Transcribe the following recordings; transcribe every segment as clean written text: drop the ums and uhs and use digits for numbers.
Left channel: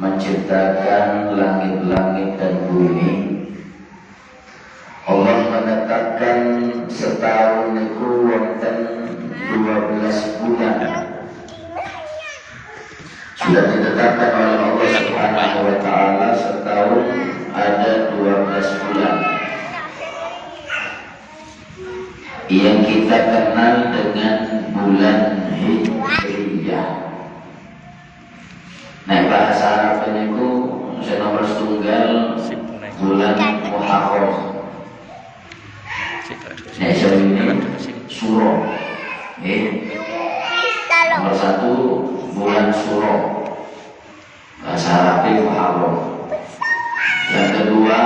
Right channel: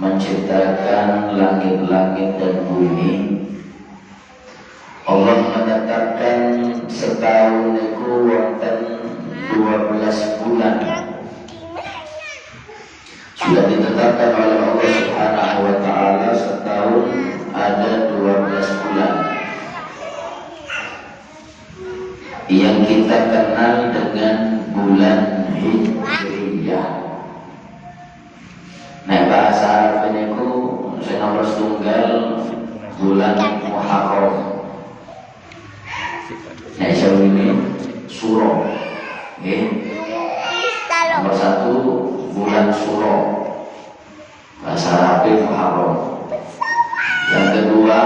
menciptakan langit-langit dan bumi. Allah menetapkan setahun itu wonten 12 bulan. Sudah ditetapkan oleh Allah Subhanahu wa taala setahun ada 12 bulan. Yang kita kenal dengan bulan Hijriyah. Nah, bahasa Arab itu nomor setunggal bulan Muharram. Nah, ini Suro. Nomor satu bulan Suro. Bahasa Arab Muharram. Yang kedua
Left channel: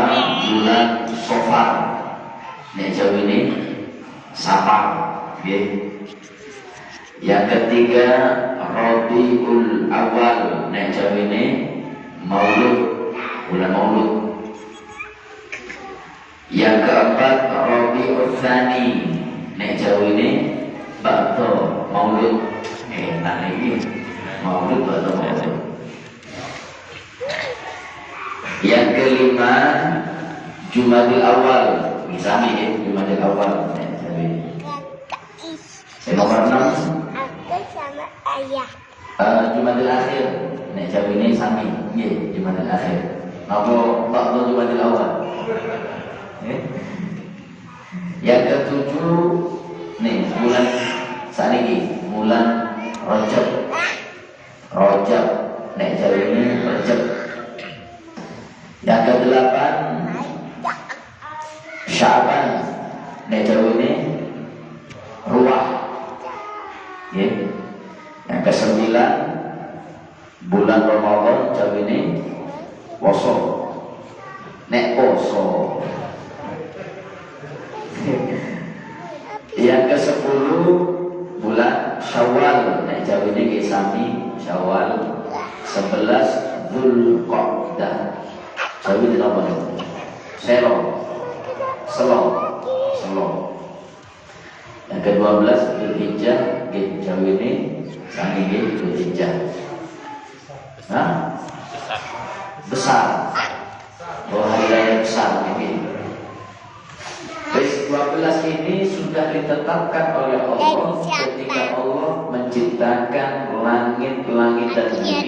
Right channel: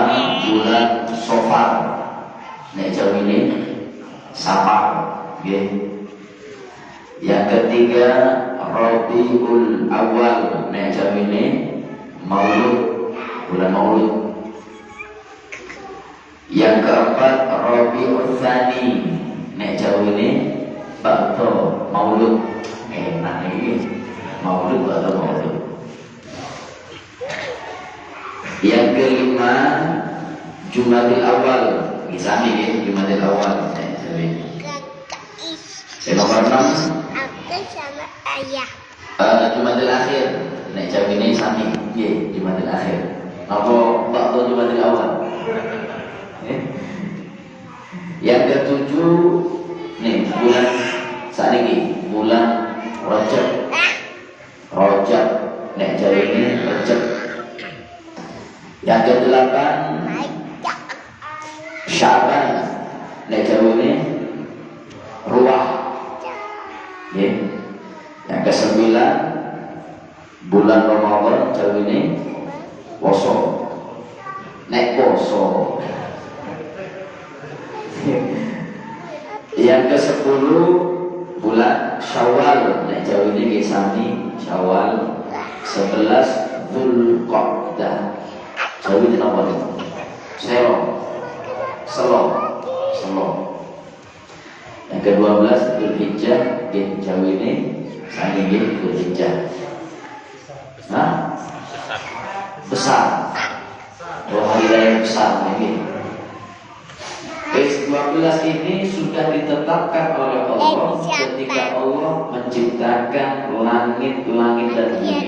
bulan Safar. Nah, ini Safar. Yang ketiga Rabiul Awal. Nah, ini Maulud, bulan Maulud. Yang keempat Rabiul Tsani. Nah, ini Ba'da Maulud. Nah, ini Maulud Ba'da Maulud. Yang kelima Jumadil Awal. Misalnya ya, Jumadil Awal. Saya nomor 6 aku sama ayah. Jumadil Akhir. Nek jam ini sami, nggih, Jumadil Akhir. Apa waktu Jumadil Awal? Yang ketujuh nih bulan saniki, bulan Rajab. Rajab. Nek jam ini Rajab. Yang kedelapan Sya'ban. Nek jam ini Ruah. Yang ke-9 bulan Ramadan jauh ini Poso. Nek poso. Yang ke-10 bulan Syawal. Nek jauh ini kisami Syawal. 11 Dzulqa'dah. Jauh ini apa? Selo. Yang ke-12 Dzulhijjah. Jauh ini kami ini Dzulhijjah. Nah, besar. Dua hari raya besar ini. 12 ini sudah ditetapkan oleh Allah ketika Allah menciptakan langit-langit dan bumi.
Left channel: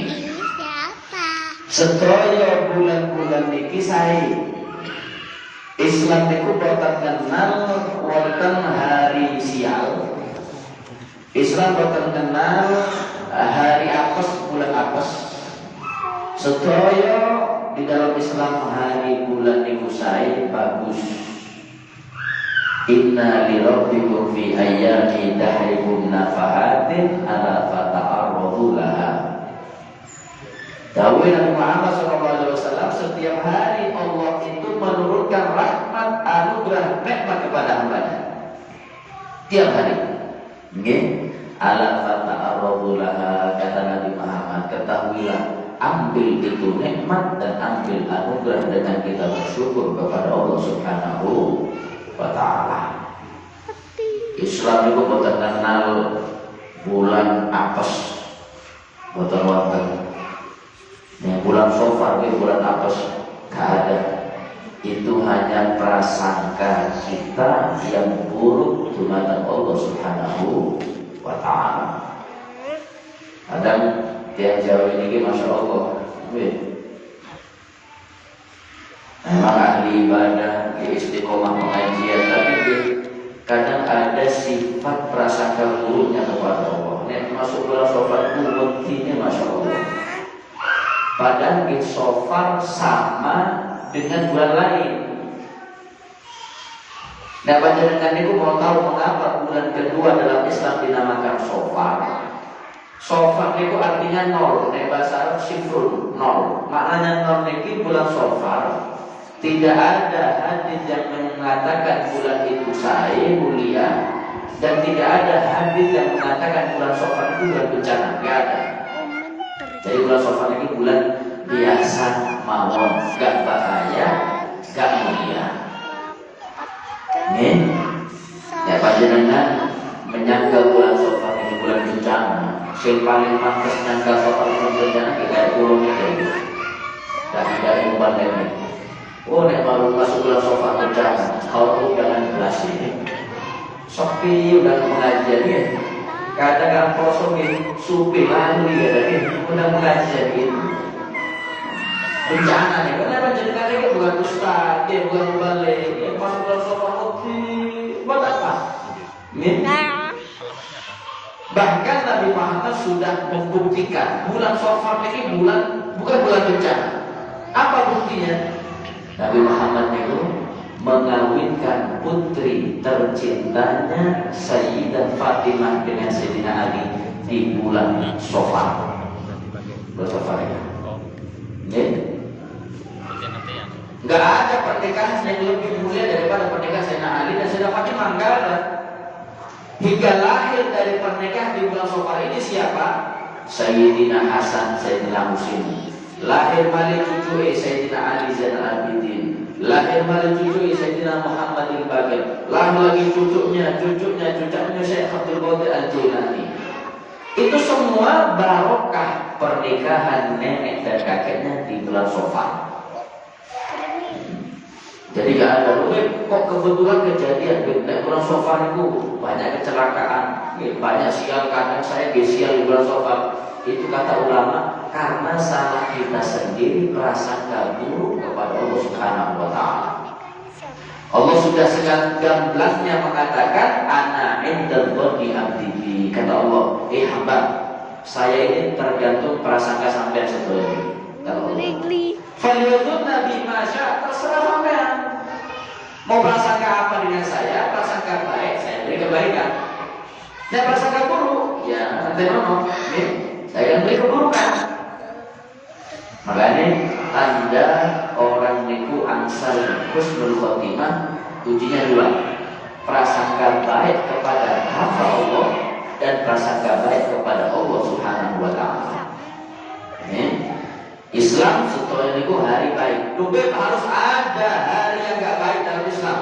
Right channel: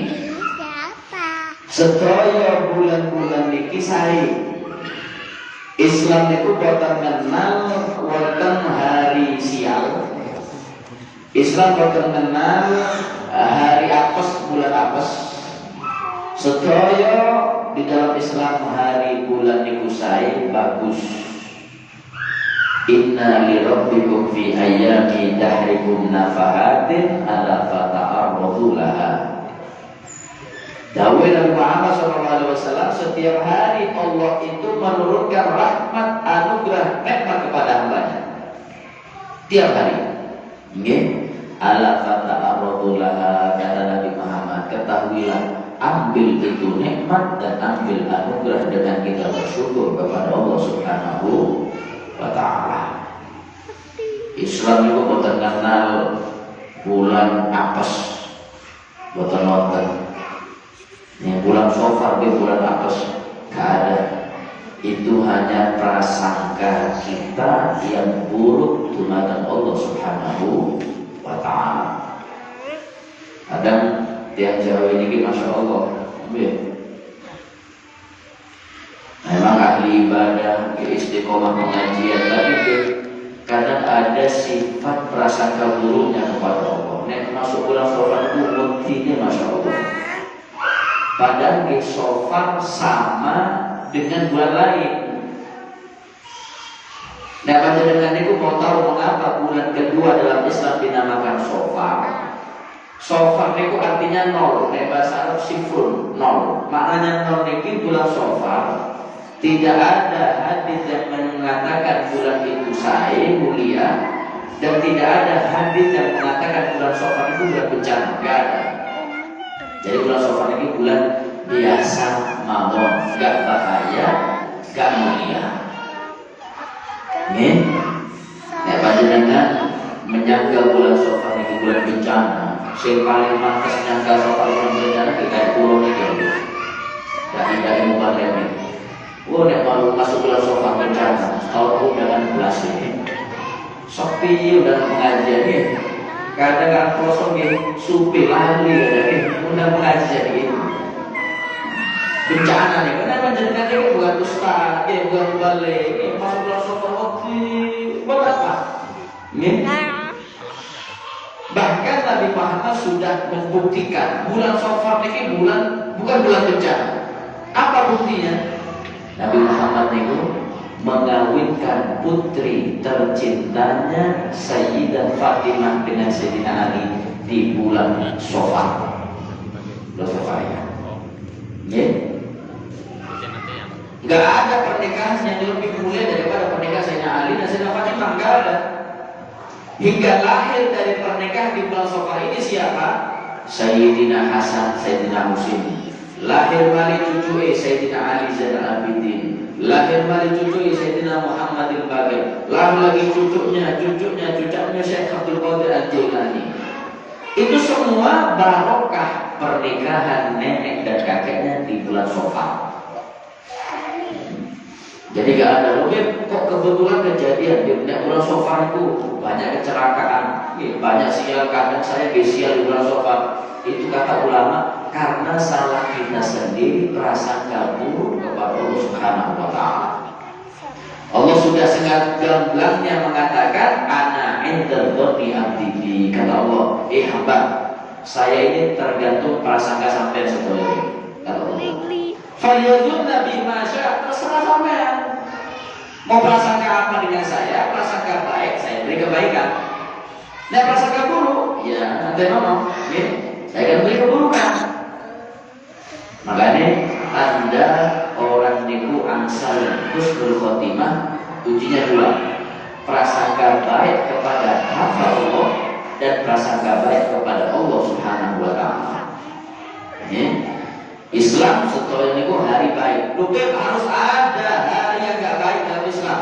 Sedaya bulan-bulan niki sae. Islam niku boten kenal wonten hari sial. Islam boten kenal hari apes, bulan apes. Sedaya di dalam Islam hari bulan niku sae bagus. Inna li rabbikum fi ayyami dahrikum nafahatin ala fata'arradu laha. Dawuh Nabi Muhammad SAW, setiap hari Allah itu menurunkan rahmat, anugerah, nikmat kepada hambanya. Tiap hari. Nggih. Ala fata'arradu laha, kata Nabi Muhammad, ketahuilah, ambil itu nikmat dan ambil anugerah dengan kita bersyukur kepada Allah Subhanahu wa ta'ala. Islam itu bukan kenal bulan apes, bukan nonton. Ini bulan Safar, ini bulan apes, gak ada. Itu hanya prasangka kita yang buruk di mata Allah Subhanahu wa ta'ala. Kadang tiap Jawa ini Masya Allah, memang ahli ibadah, istiqomah pengajian, tapi kadang ada sifat prasangka buruknya kepada Allah. Nek masuk bulan Safar itu buktinya Masya Allah. Padahal di Safar sama dengan bulan lain. Nah, panjenengan itu mau tahu mengapa bulan kedua dalam Islam dinamakan Safar? Safar itu artinya nol. Nek bahasa Arab sifrun, nol. Maknanya nol itu bulan Safar. Tidak ada hadis yang mengatakan bulan itu sae mulia, dan tidak ada hadis yang mengatakan bulan Safar itu bulan bencana. Tidak ada. Jadi bulan Safar ini bulan biasa mawon, gak bahaya, gak mulia. Nih, nek panjenengan menyangka bulan Safar ini bulan bencana, sing paling pantas nyangka Safar bulan bencana kayak pulau ini. sopan ini. Oh, nek baru masuk bulan Safar kencang, kalau undangan belas ini. Sepi udah pengajian ya. Kadang kan kosong nih, supi lalu ya, udah pengajian ini. Bencana nih, karena panjenengan ini bukan ustaz, bukan balik, masuk bulan Safar kopi, buat apa? Bahkan Nabi Muhammad sudah membuktikan bulan Safar ini bukan bulan bencana. Apa buktinya? Nabi Muhammad itu mengawinkan putri tercintanya Sayyidah Fatimah dengan Sayyidina Ali di bulan Safar. Bulan Safar ya. Gak ada pernikahan yang lebih mulia daripada pernikahan Sayyidina Ali dan Sayyidah Fatimah. Gak ada. Hingga lahir dari pernikahan di bulan Safar ini siapa? Sayyidina Hasan, Sayyidina Husain. Lahir balik cucu Sayyidina Ali Zainal Abidin. Lahir balik cucu Sayyidina Muhammad al-Baqir. Lahir lagi cucunya Syekh Abdul Qadir Al-Jailani. Itu semua barokah pernikahan nenek dan kakeknya di bulan Safar. Jadi gak ada mungkin kok kebetulan kejadian di bulan Safar itu banyak kecelakaan, banyak sial, kadang saya sial di bulan Safar. Itu kata ulama karena salah kita sendiri, prasangka buruk kepada Allah Subhanahu wa taala. Allah sudah sangat gamblangnya mengatakan ana indal dhanni abdi. Kata Allah, hamba, saya ini tergantung prasangka sampean sebelum. Kata Allah. Faliyadun nabi masya, terserah sampean. Mau prasangka apa dengan saya? Prasangka baik, saya beri kebaikan. Dan prasangka buruk, ya nanti mau, saya akan beri keburukan. Makanya Anda orang niku angsal husnul khotimah, kuncinya dua. Prasangka baik kepada hamba Allah dan prasangka baik kepada Allah Subhanahu wa taala. Islam setelah niku hari baik. Lebih harus ada hari yang gak baik dalam Islam.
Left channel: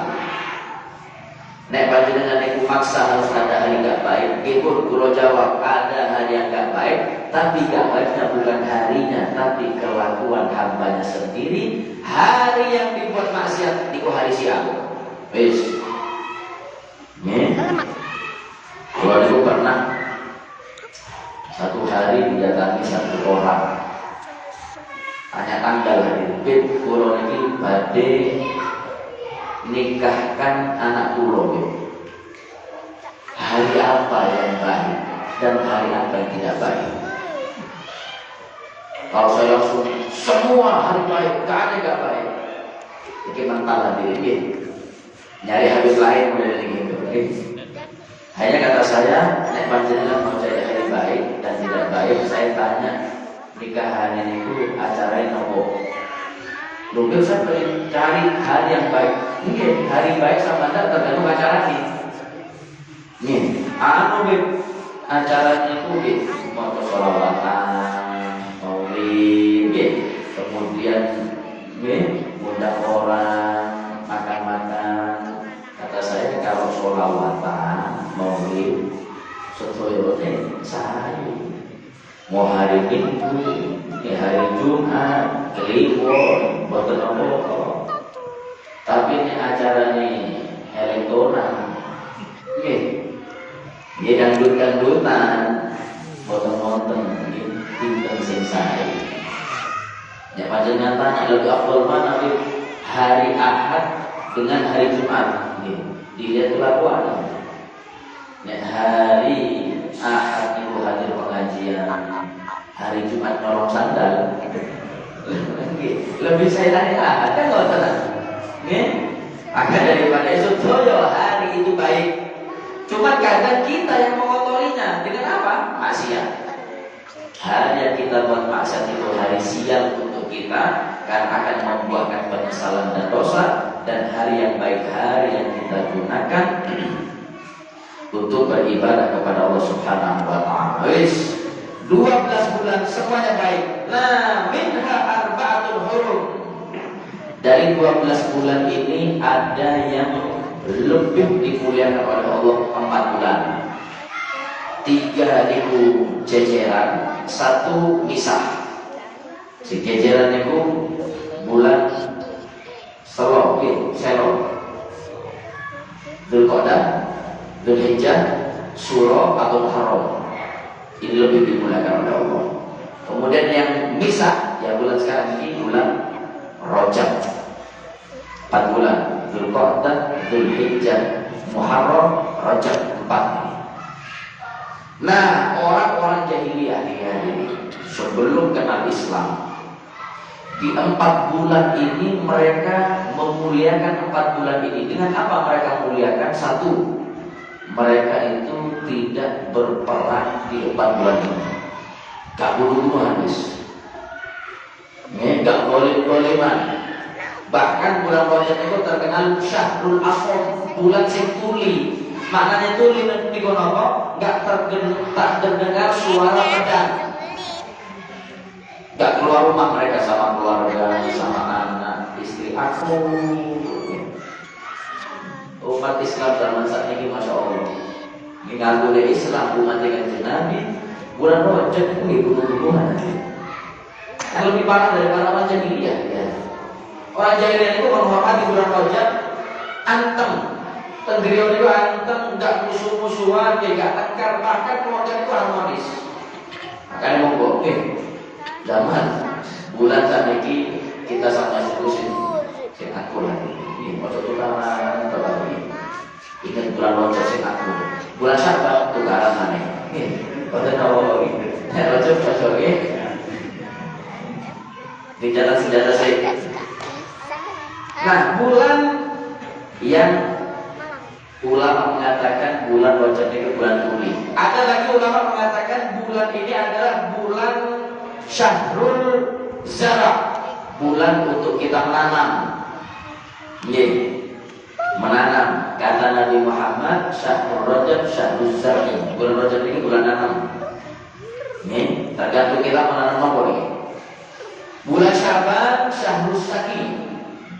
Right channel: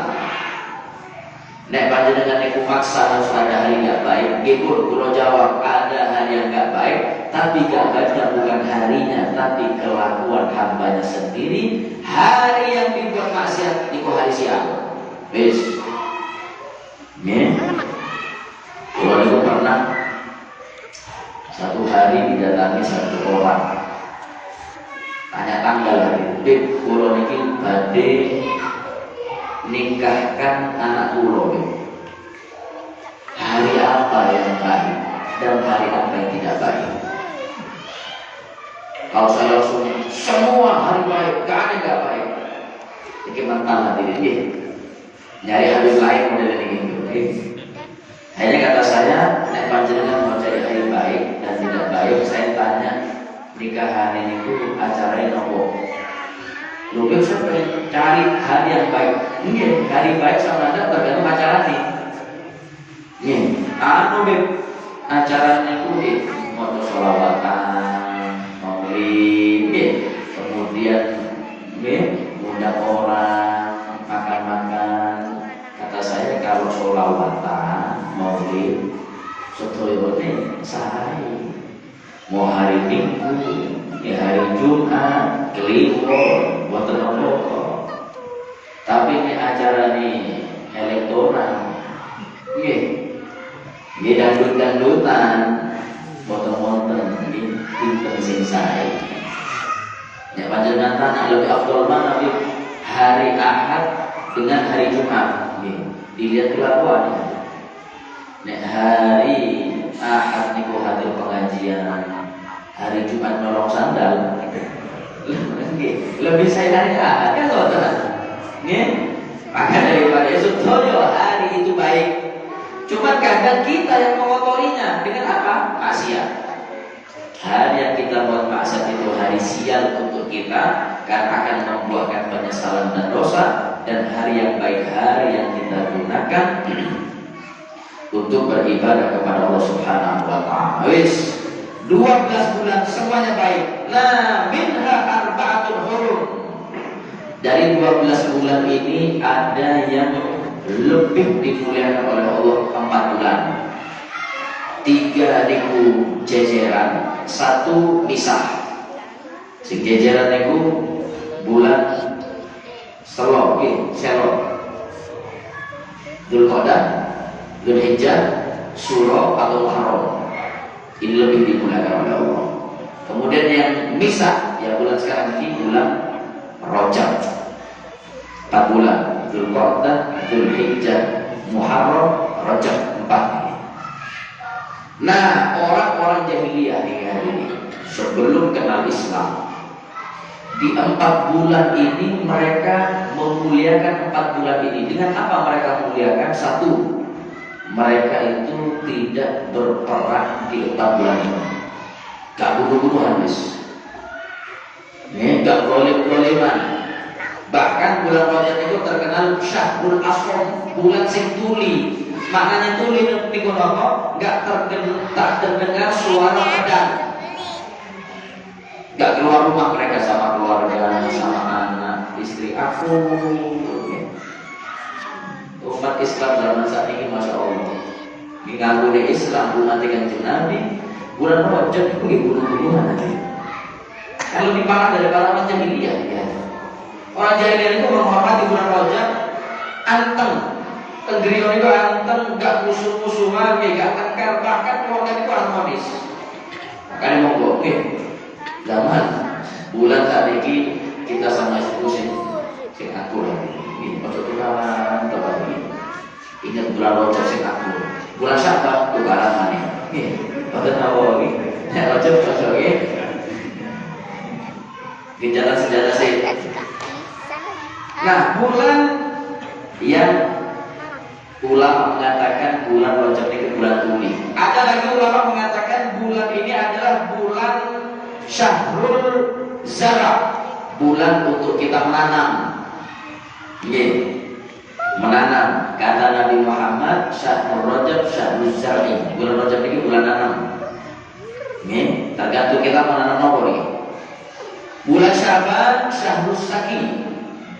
Nek panjenengan niku maksa harus ada hari gak baik, ikut kulo jawab ada hari yang gak baik, tapi gak baiknya bukan harinya, tapi kelakuan hambanya sendiri. Hari yang dibuat maksiat niku hari siang. Wis. Kulo niku pernah satu hari didatangi satu orang. Tanya tanggal hari kulo niki badhe nikahkan anak kulo. Hari apa yang baik dan hari apa yang tidak baik? Kalau saya langsung semua hari baik, gak ada yang gak baik. Jadi mental hati dia. Nyari hari lain udah dari gitu. Akhirnya kata saya, nek panjenengan mau cari hari baik dan tidak baik, saya tanya nikahan ini itu acaranya nopo. Lu bisa cari hari yang baik. Mungkin hari baik sama Anda tergantung acaranya. Acaranya itu foto sholawatan, maulid, kemudian undang orang makan-makan. Kata saya kalau sholawatan, maulid, setelahnya sehari. Mau hari Minggu, hari Jumat, Kliwon, buat apa? Tapi ini acara ini elektoral, ini dangdut-dangdutan, foto-foto, ini sing saya. Ya panjenengan tanya lebih afdal mana hari Ahad dengan hari Jumat? Dilihat kelakuannya. Nek hari Ahad niku hadir pengajian, hari Jumat nolong sandal. Lebih saya hari Ahad kan loh tenang. Maka daripada itu hari itu baik. Cuma kadang kita yang mengotorinya dengan apa? Maksiat. Hari yang kita buat maksiat itu hari sial untuk kita, karena akan membuahkan penyesalan dan dosa. Dan hari yang baik, hari yang kita gunakan untuk beribadah kepada Allah Subhanahu wa taala. 12 bulan semuanya baik. La minha arba'atul hurum. Dari 12 bulan ini ada yang lebih dimuliakan oleh Allah 4 bulan. 3 niku jejeran, 1 misah. Si jejeran niku bulan Selok, Dzulqa'dah, Dzulhijjah, Syuro atau Muharram. Ini lebih dimuliakan oleh Allah. Kemudian yang Misa, ya bulan sekarang ini bulan Rajab. 4 bulan, Dzulqa'dah, Dzulhijjah, Muharram, Rajab, 4. Nah, orang-orang jahiliyah ini sebelum kenal Islam, di 4 bulan ini mereka memuliakan 4 bulan ini. Dengan apa mereka memuliakan? 1, mereka itu tidak berperang di 4 bulan ini. Gak bunuh-bunuh habis, gak boleh-bolehan. Bahkan bulan Rajab itu terkenal Syahrul Aswad, bulan sing tuli. Maknanya tuli niku napa? Gak terdengar suara pedang. Gak keluar rumah mereka sama keluarga, sama anak, istri. Aku umat Islam zaman saat ini, masya Allah, mengaku Islam umat dengan Nabi. Bulan Rajab itu bunuh-bunuhan. Lebih parah daripada orang jahiliyah. Ya. Orang jahiliyah itu menghormati bulan Rajab, anteng, tenggerion itu anteng, gak musuh-musuhan, gak tengkar, bahkan keluarga itu harmonis. Makanya monggo, zaman bulan saat ini kita sama istriku sing akur lagi. Ini ojo tukaran lagi. Ingat bulan Rajab sing akur. Bulan Sya'ban tukaran maneh. Boten Nawawi. Ya Rajab ojo nggih. Di jalan sejadah saya. Nah, bulan yang ulama mengatakan bulan Rajab ini bulan tuli. Ada lagi ulama mengatakan bulan ini adalah bulan Syahrul Zara, bulan untuk kita menanam. Menanam. Kata Nabi Muhammad, Syahrul Rajab Syahrul Zar'i. Bulan Rajab ini bulan nanam. Tergantung kita menanam apa nih. Bulan Syaban Syahrul Saki.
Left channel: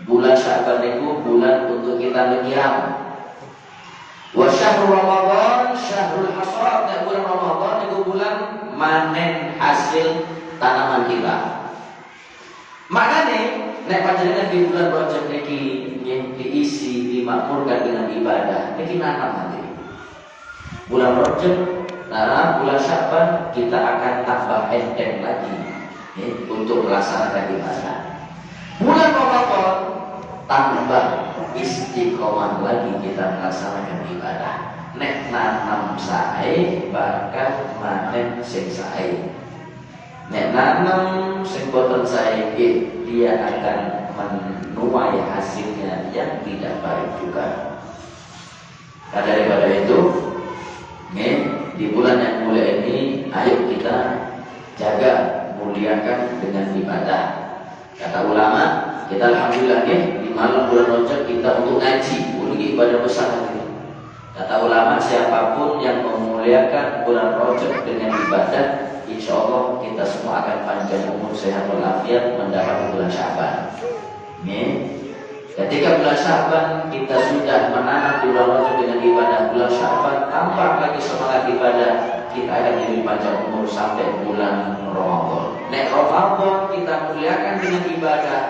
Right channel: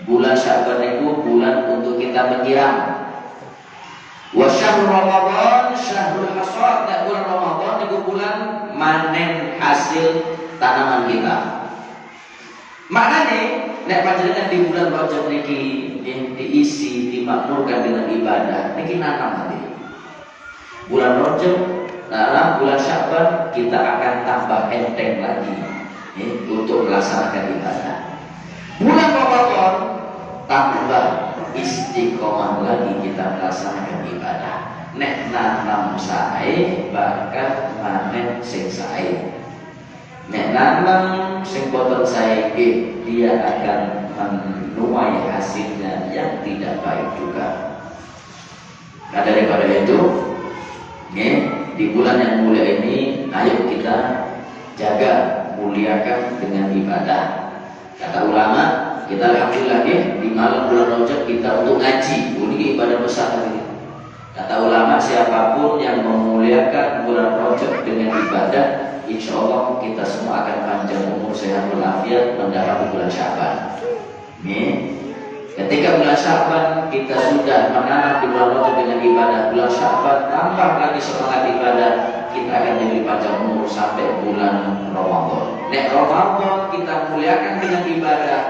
Bulan Syaban itu bulan untuk kita menyiram. Wa syahrul Ramadan Syahrul Hasad. Dan bulan Ramadan itu bulan manen hasil tanaman kita. Maknanya nek panjenengan di bulan Rajab niki diisi dimakmurkan dengan ibadah, niki nanam nanti. Bulan Rajab, nah bulan Syaban kita akan tambah enteng lagi untuk melaksanakan ibadah. Bulan Ramadan tambah istiqomah lagi kita melaksanakan ibadah. Nek nanam sae bahkan manen sing sae. Nek nanam sing boten saiki dia akan menuai hasilnya yang tidak baik juga. Nah daripada itu, di bulan yang mulia ini, ayo kita jaga, muliakan dengan ibadah. Kata ulama, kita alhamdulillah di malam bulan Rajab kita untuk ngaji. Ini ibadah besar ini. Kata ulama, siapapun yang memuliakan bulan Rajab dengan ibadah, insya Allah kita semua akan panjang umur, sehat walafiat, mendapat bulan Syaban. Ketika bulan Syaban kita sudah menanam di bulan Rajab dengan ibadah, bulan Syaban tambah lagi semangat ibadah, kita akan jadi panjang umur sampai bulan Ramadan. Nek Ramadan kita muliakan dengan ibadah,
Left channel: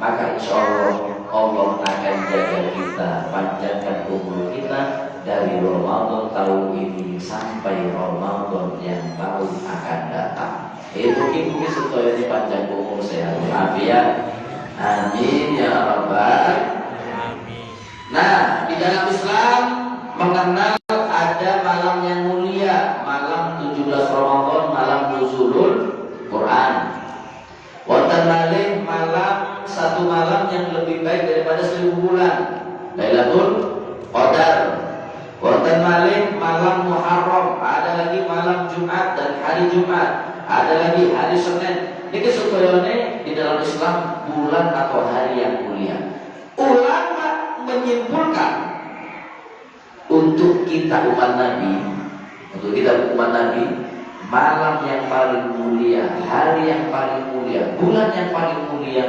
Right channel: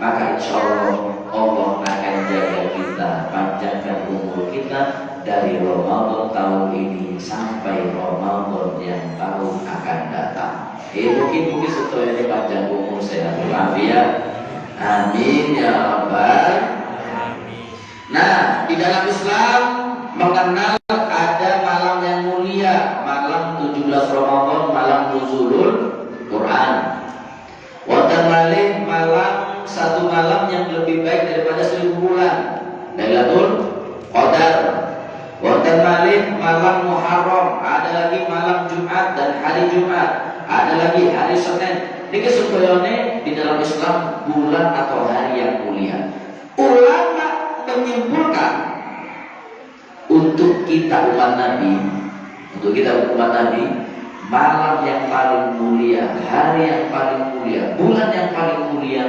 maka insya Allah Allah akan jaga kita, panjangkan umur kita dari Ramadan tahun ini sampai Ramadan yang baru akan datang. Mungkin setelah ini panjang umur, sehat walafiat. Amin ya rabbal alamin. Nah, di dalam Islam mengenal ada malam yang mulia, malam 17 Ramadan, malam nuzulul Quran. Wonten malih malam, satu malam yang lebih baik daripada 1000 bulan, Lailatul Qadar. Wonten malih malam Muharram, ada lagi malam Jumat dan hari Jumat, ada lagi hari Senin. Niki supayane di dalam Islam bulan atau hari yang mulia. Ulama menyimpulkan untuk kita umat Nabi, malam yang paling mulia, hari yang paling mulia, bulan yang paling mulia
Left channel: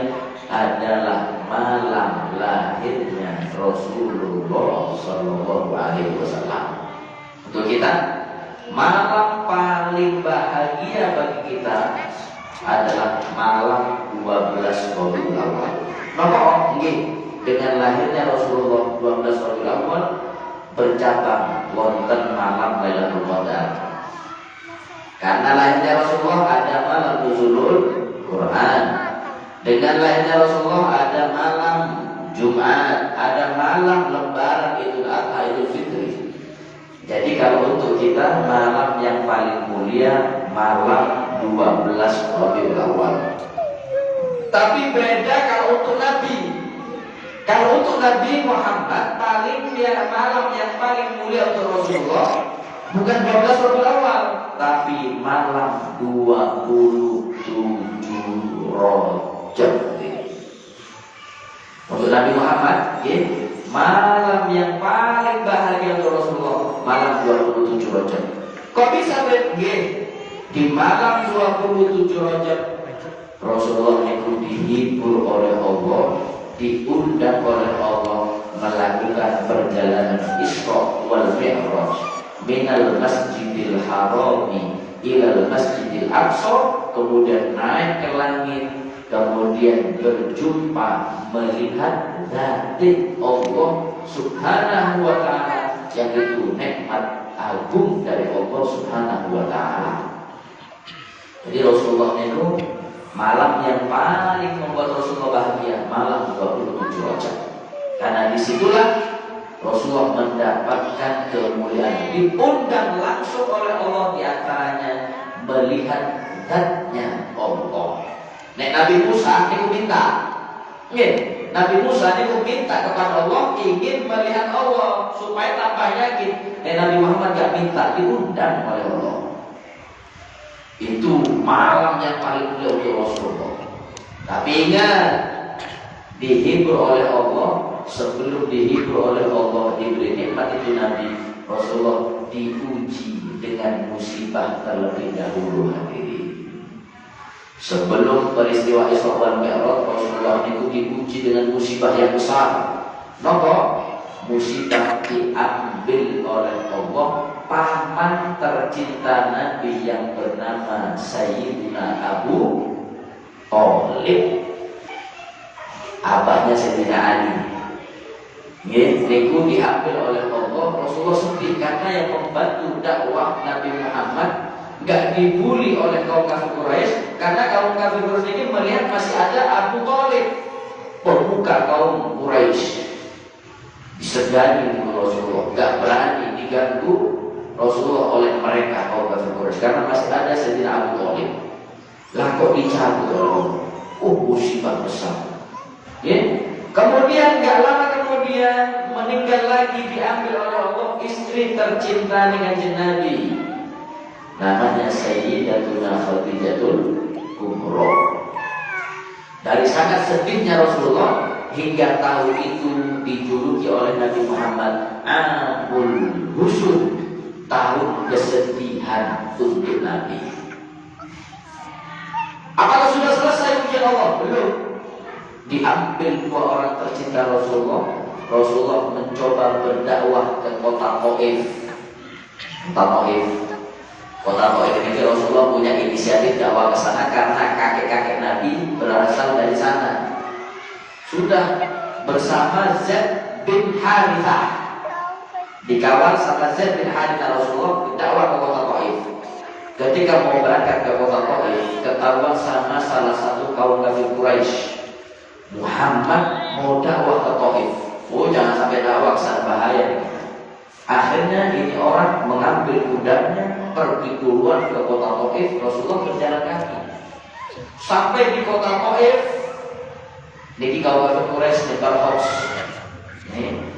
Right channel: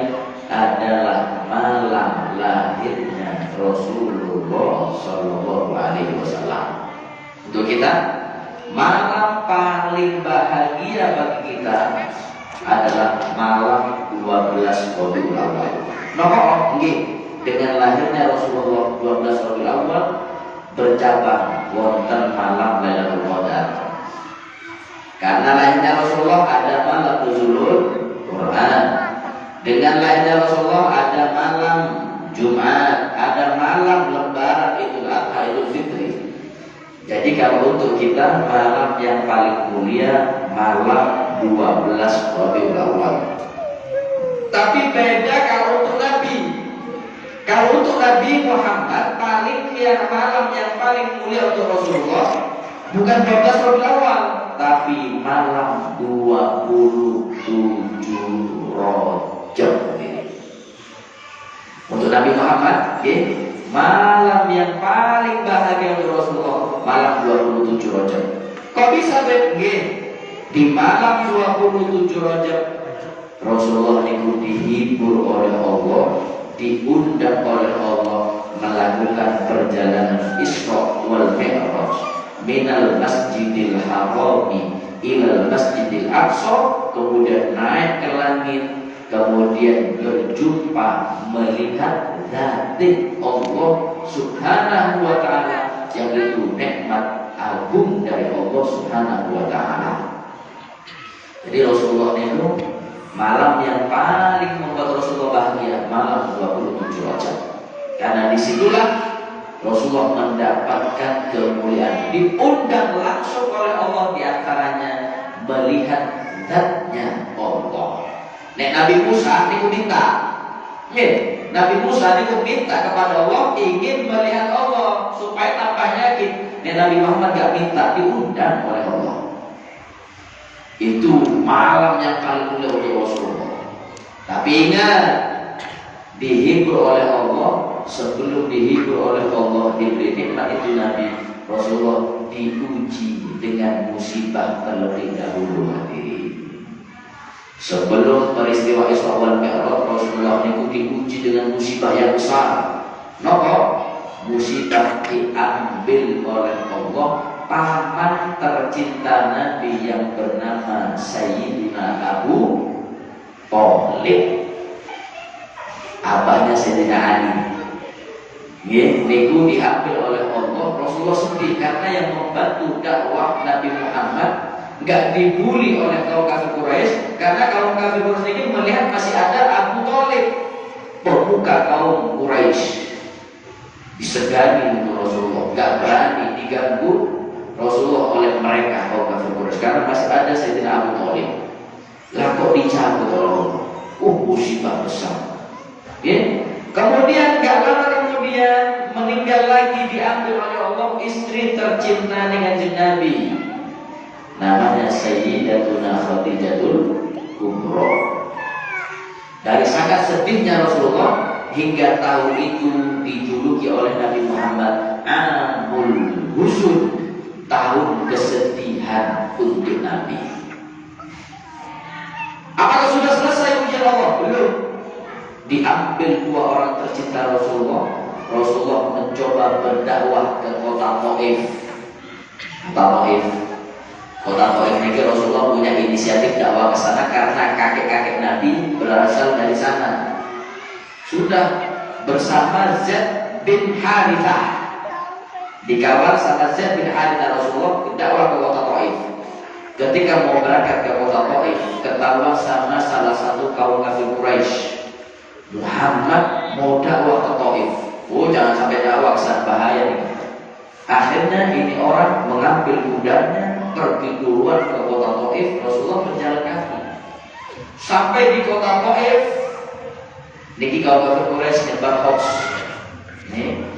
adalah malam lahirnya Rasulullah Shallallahu Alaihi Wasallam. Untuk kita, malam paling bahagia bagi kita adalah malam 12 Rabiul Awal. Napa nggih dengan lahirnya Rasulullah 12 Rabiul Awal bercabang wonten malam Lailatul Qadar. Karena lahirnya Rasulullah ada malam nuzulul Quran. Dengan lahirnya Rasulullah ada malam Jumat, ada malam Lebaran Idul Adha, Idul Fitri. Jadi kalau untuk kita malam yang paling mulia malam 12 Rabiul Awal. Tapi beda kalau untuk Nabi. Kalau untuk Nabi Muhammad malam yang paling mulia untuk Rasulullah bukan 12 Rabiul Awal, tapi malam 27 Rajab. Untuk Nabi Muhammad, malam yang paling bahagia untuk Rasulullah malam 27 Rajab. Kok bisa di malam 27 Rajab Rasulullah itu dihibur oleh Allah, diundang oleh Allah melakukan perjalanan Isra wal Mi'raj minal Masjidil Harami ilal Masjidil Aqsa, kemudian naik ke langit, kemudian berjumpa melihat zati Allah Subhanahu wa ta'ala, yang itu nikmat agung dari Allah Subhanahu wa ta'ala. Jadi Rasulullah itu malam yang paling membuat Rasulullah bahagia malam 27 Rajab. Karena disitulah Rasulullah mendapatkan kemuliaan, diundang langsung oleh Allah, diantaranya melihat zatnya Allah. Nek Nabi Musa niku minta, Nabi Musa niku minta kepada Allah ingin melihat Allah supaya tambah yakin. Nek Nabi Muhammad gak minta, diundang oleh Allah. Itu malam yang paling mulia untuk Rasulullah. Tapi ingat, dihibur oleh Allah, sebelum dihibur oleh Allah diberi nikmat itu Nabi Rasulullah diuji dengan musibah terlebih dahulu hadirin. Sebelum peristiwa Isra wal Mi'raj, Rasulullah itu diuji dengan musibah yang besar. Napa? Musibah diambil oleh Allah paman tercinta Nabi yang bernama Sayyidina Abu Thalib, abahnya Sayyidina Ali. Niku diambil oleh Allah. Rasulullah sedih karena yang membantu dakwah Nabi Muhammad gak dibuli oleh kaum kafir Quraisy, karena kaum kafir Quraisy ini melihat masih ada Abu Thalib, pemuka kaum Quraisy. Disegani Rasulullah, gak berani diganggu Rasulullah oleh mereka kaum kafir Quraisy karena masih ada Sayyidina Abu Thalib. Lah kok dicabut Allah? Musibah besar. Kemudian gak lama kemudian meninggal lagi, diambil oleh Allah istri tercinta dengan Nabi, namanya Sayyidatuna Khadijatul Kubra. Dari sangat sedihnya Rasulullah hingga tahun itu dijuluki oleh Nabi Muhammad Amul Huzn, tahun kesedihan untuk Nabi. Apakah sudah selesai ujian Allah? Belum. Diambil dua orang tercinta Rasulullah. Rasulullah mencoba berdakwah ke kota Taif. Kota Taif ini Rasulullah punya inisiatif dakwah ke sana karena kakek-kakek Nabi berasal dari sana. Sudah bersama Zaid bin Harithah, dikawal sama Zaid bin Harithah, Rasulullah dakwah ke kota Taif. Ketika mau berangkat ke kota Taif, ketahuan sama salah satu kaum kafir Quraisy, Muhammad mau dakwah ke Taif. Jangan sampai dakwah kesana, bahaya nih. Akhirnya ini orang mengambil kudanya pergi duluan ke kota Taif. Rasulullah berjalan kaki sampai di kota Taif. Niki kaum kafir Quraisy nyebar hoax.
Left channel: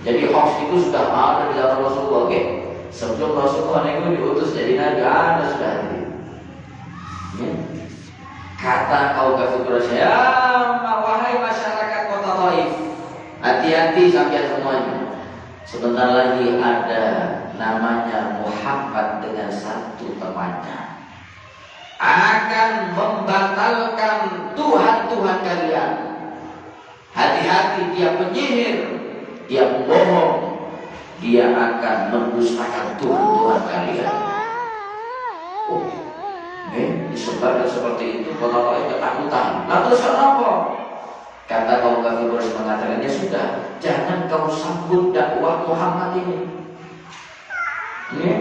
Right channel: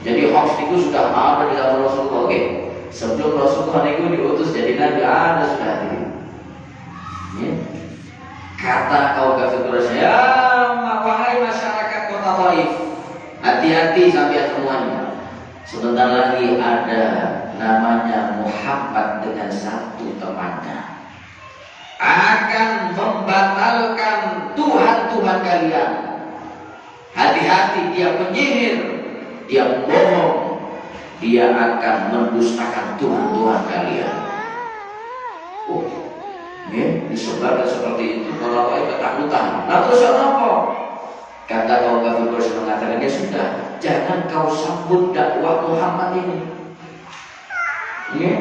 Jadi hoax itu sudah ada di dalam Rasulullah. Sebelum Rasulullah itu diutus jadi nabi, ada sudah ini. Kata kaum kafir Quraisy, wahai masyarakat kota Taif, hati-hati sampai semuanya. Sebentar lagi ada namanya Muhammad dengan satu temannya akan membatalkan Tuhan-Tuhan kalian. Hati-hati, dia penyihir, dia bohong, dia akan mendustakan Tuhan-Tuhan kalian. Disebarkan seperti itu, kalau kau ketakutan. Nah terus apa? Kata kaum kafir Quraisy mengatakan, ya sudah, jangan kau sambut dakwah Muhammad ini. Ya,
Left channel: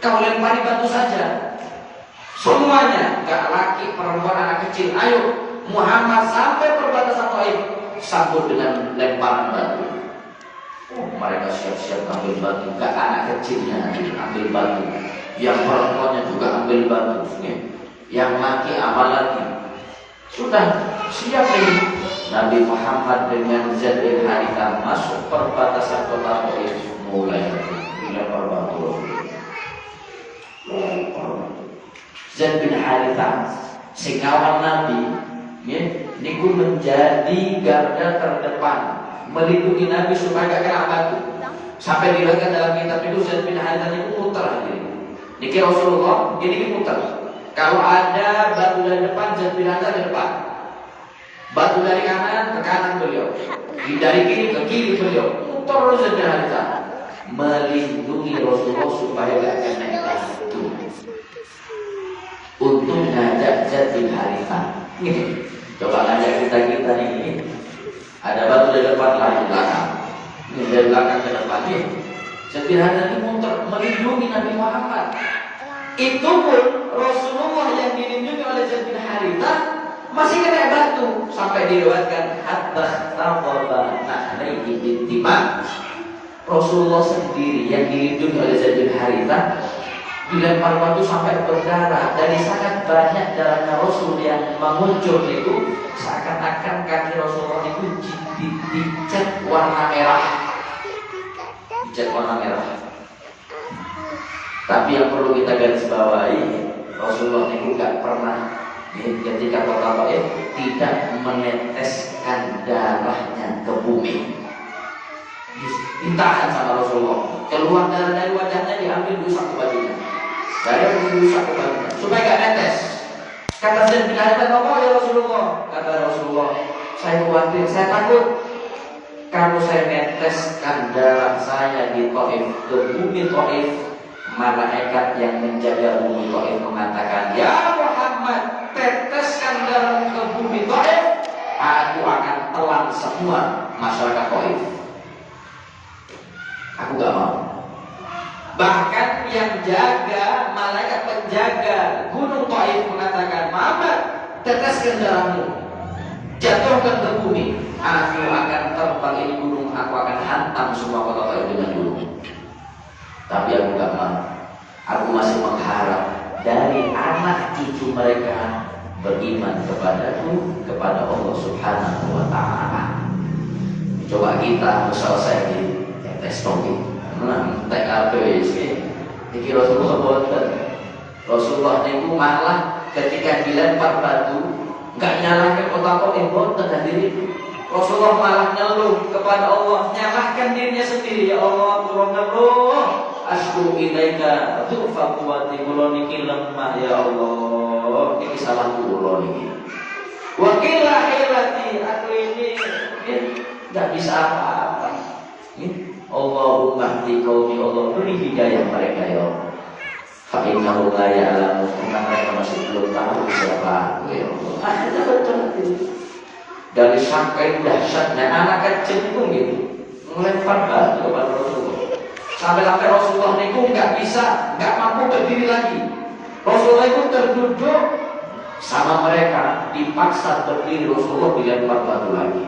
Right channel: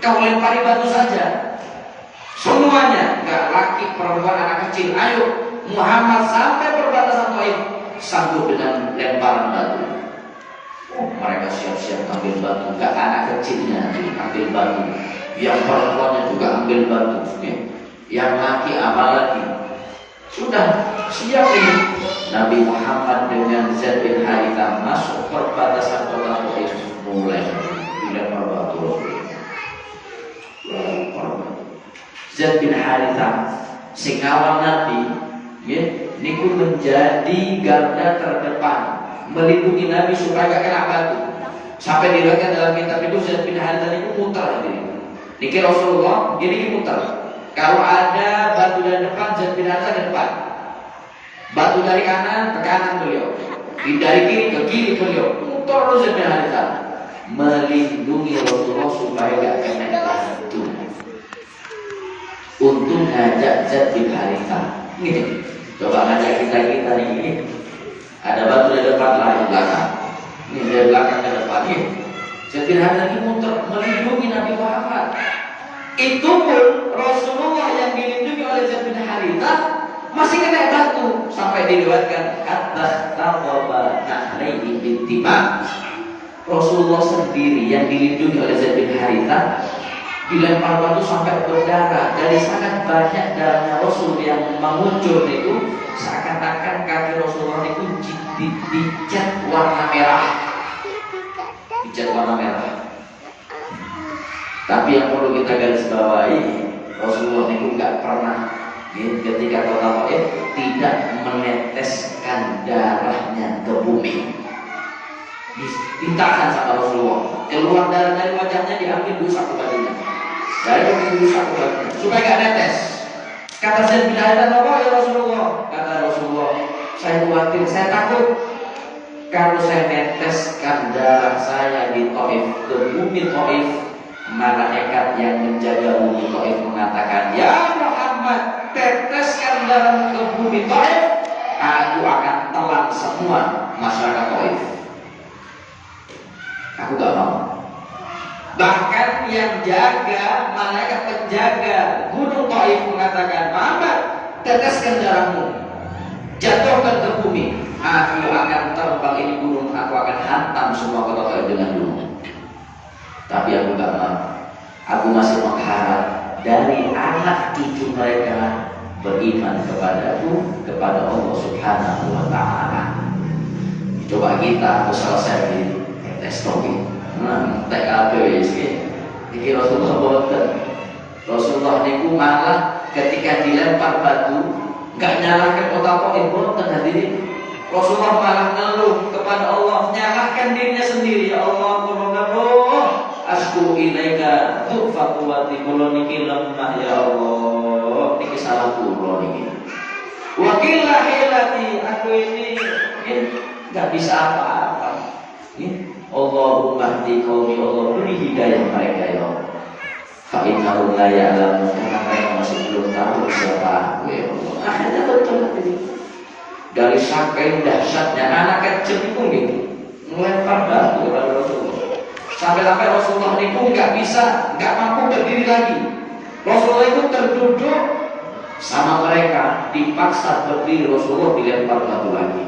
kau lempari batu saja. Semuanya, enggak laki, perempuan, anak kecil. Ayo, Muhammad sampai perbatasan Taif, sambut dengan lemparan batu. Oh, mereka siap-siap ambil batu. Enggak anak kecilnya ambil batu. Yang perempuannya juga ambil batu. Ya. Yang laki apa lagi? Sudah siap ini. Nabi Muhammad dengan Zaid bin Harithah masuk perbatasan kota Taif, mulai dilempar batu. Zaid bin Harithah singawal Nabi, ya, niku menjadi garda terdepan melindungi Nabi supaya gak kena batu. Sampai diriwayatkan dalam kitab itu Zaid bin Harithah niku muter ini. Niki Rasulullah jadi muter. Kalau ada batu dari depan, Zaid bin Harithah ke depan. Batu dari kanan ke kanan beliau, dari kiri ke kiri beliau, muter Zaid bin Harithah melindungi Rasulullah supaya gak kena batu. Untuk ngajak Zaid bin Harithah, ini coba ngajak kita ini, ada batu dari depan lain belakang, ini dari belakang ke depan, ini Zaid bin Harithah ini muter melindungi Nabi Muhammad. Itu pun Rasulullah yang dilindungi oleh Zaid bin Harithah masih kena batu, sampai diriwayatkan hatta taqaba na'laihi bintima. Rasulullah sendiri yang dilindungi oleh Zaid bin Harithah dilempar batu sampai berdarah. Dari sangat banyak darahnya Rasul yang mengucur itu, seakan-akan kaki Rasulullah itu dicat warna merah. Dicat warna merah. Tapi yang perlu kita garis bawahi, Rasulullah itu gak pernah ketika kota Taif tidak meneteskan darahnya ke bumi. Ditahan sama Rasulullah. Keluar darah dari wajahnya, diambil dulu sapu bajunya. Dari dulu sapu bajunya supaya gak netes. Kata Zaid bin Harithah, "Apa ya Rasulullah?" Kata Rasulullah, "Saya khawatir, saya takut kalau saya neteskan darah saya di Taif ke bumi Taif, malaikat yang menjaga bumi Taif mengatakan, 'Ya Muhammad, teteskan darah ke bumi Taif, aku akan telan semua masyarakat Taif.' Aku gak mau. Bahkan yang jaga, malaikat penjaga gunung Taif mengatakan, 'Muhammad, teteskan darahmu, jatuhkan ke bumi, aku akan terbang ini gunung, aku akan hantam semua kota Taif dengan gunung.' Tapi aku gak mau. Aku masih mengharap dari anak cucu mereka beriman kepadaku, kepada Allah Subhanahu wa Ta'ala. Coba kita selesai di tes topi. TKP ini Rasulullah boten. Rasulullah niku malah ketika dilempar batu enggak nyalahkan otak boten hadirin. Rasulullah malah ngeluh kepada Allah, nyalahkan dirinya sendiri. Ya Allah, turunlah asku ilaika tufa quwati kula niki lemah ya Allah, niki salah kula niki. Wakilah hilati, aku ini enggak bisa apa-apa. Allahumma hdi qaumi, Allah beri hidayah mereka ya Allah. Fa innahu la ya'lamu, karena mereka masih belum tahu siapa aku ya Allah. Akhirnya betul dari saking dahsyatnya anak kecil itu gitu melempar batu kepada Rasulullah. Sampai Rasulullah itu nggak mampu berdiri lagi. Rasulullah itu terduduk sama mereka, dipaksa berdiri. Rasulullah dilempar batu lagi.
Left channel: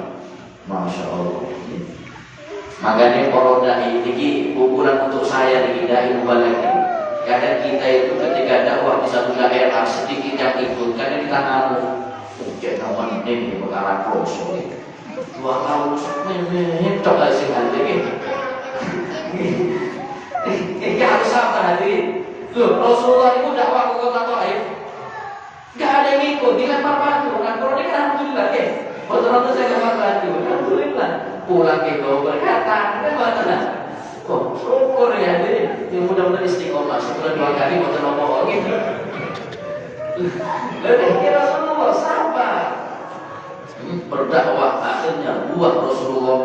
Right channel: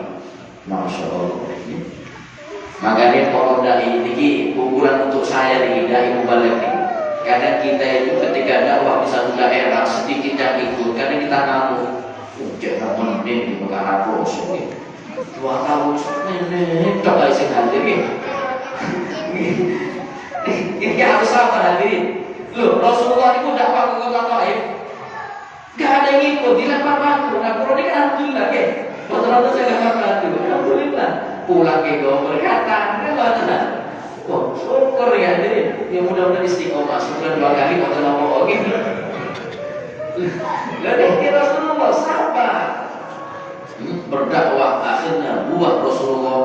Masya Allah. Makanya kalau ini ukuran untuk saya dihidai mubalik ini. Kadang kita itu ketika dakwah di satu daerah sedikit yang ikut, kadang kita ngamuk. Jangan menin di perkara proses. 2 tahun ini tak ada sih ini. Ini harus apa hadirin? Loh, Rasulullah itu dakwah ke kota Taif, gak ada yang ikut, dilempar batu. Nah, kalau ini kan alhamdulillah ya. Betul-betul saya lempar batu, alhamdulillah. Pulang ke gua berkata, bagaimana? Oh, syukur ya hadirin. Ya mudah-mudahan istiqomah. Sebulan 2 kali mau ngomong gitu. Lalu Rasulullah sabar berdakwah, akhirnya buah Rasulullah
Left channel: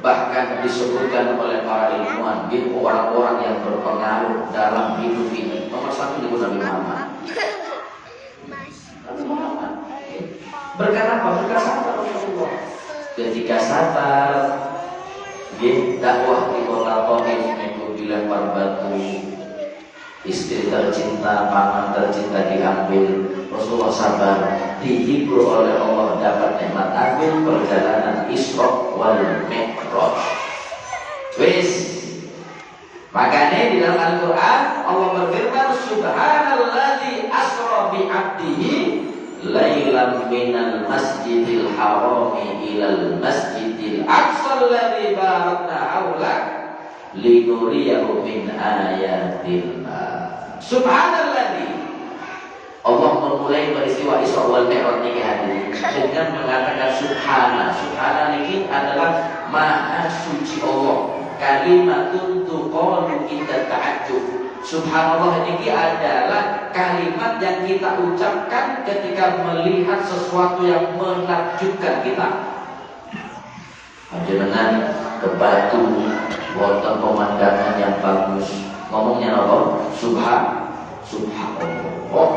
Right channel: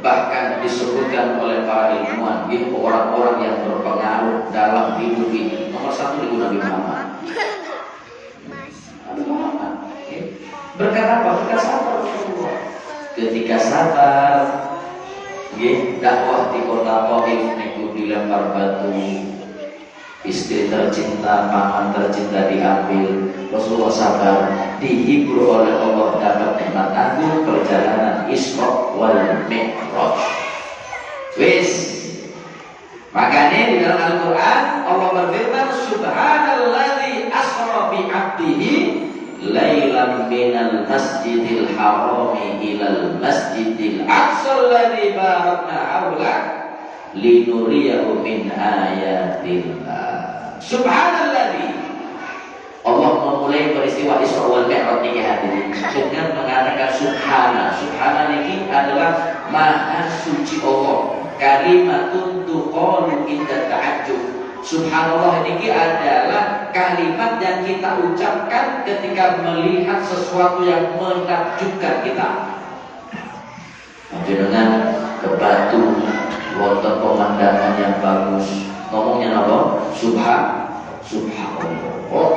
bahkan disebutkan oleh para ilmuwan orang-orang yang berpengaruh dalam hidup ini. Nomor 1 Nabi Muhammad. Nabi Muhammad Berkat apa? Berkat sabar Rasulullah. Ketika sabar, dakwah di kota Taif itu dilempar batu, istri tercinta, paman tercinta diambil. Rasulullah sabar, dihibur oleh Allah dapat nikmat agung perjalanan Isra wal Mi'raj. Wis. Makanya di dalam Al-Quran Allah berfirman, Subhanalladzi asra bi 'abdihi lailan minal masjidil harami ilal masjidil aqsa alladzi barakna haula linuriyahu min ayatillah. Subhanalladzi, Allah memulai peristiwa Isra wal Mi'raj ini hadirin dengan mengatakan subhana. Subhana ini adalah maha suci Allah. Kalimatun tuqalu inda ta'ajjub. Subhanallah ini adalah kalimat yang kita ucapkan ketika melihat sesuatu yang menakjubkan kita. Dengan ke batu, wonten pemandangan yang bagus. Ngomongnya apa? Subhanallah.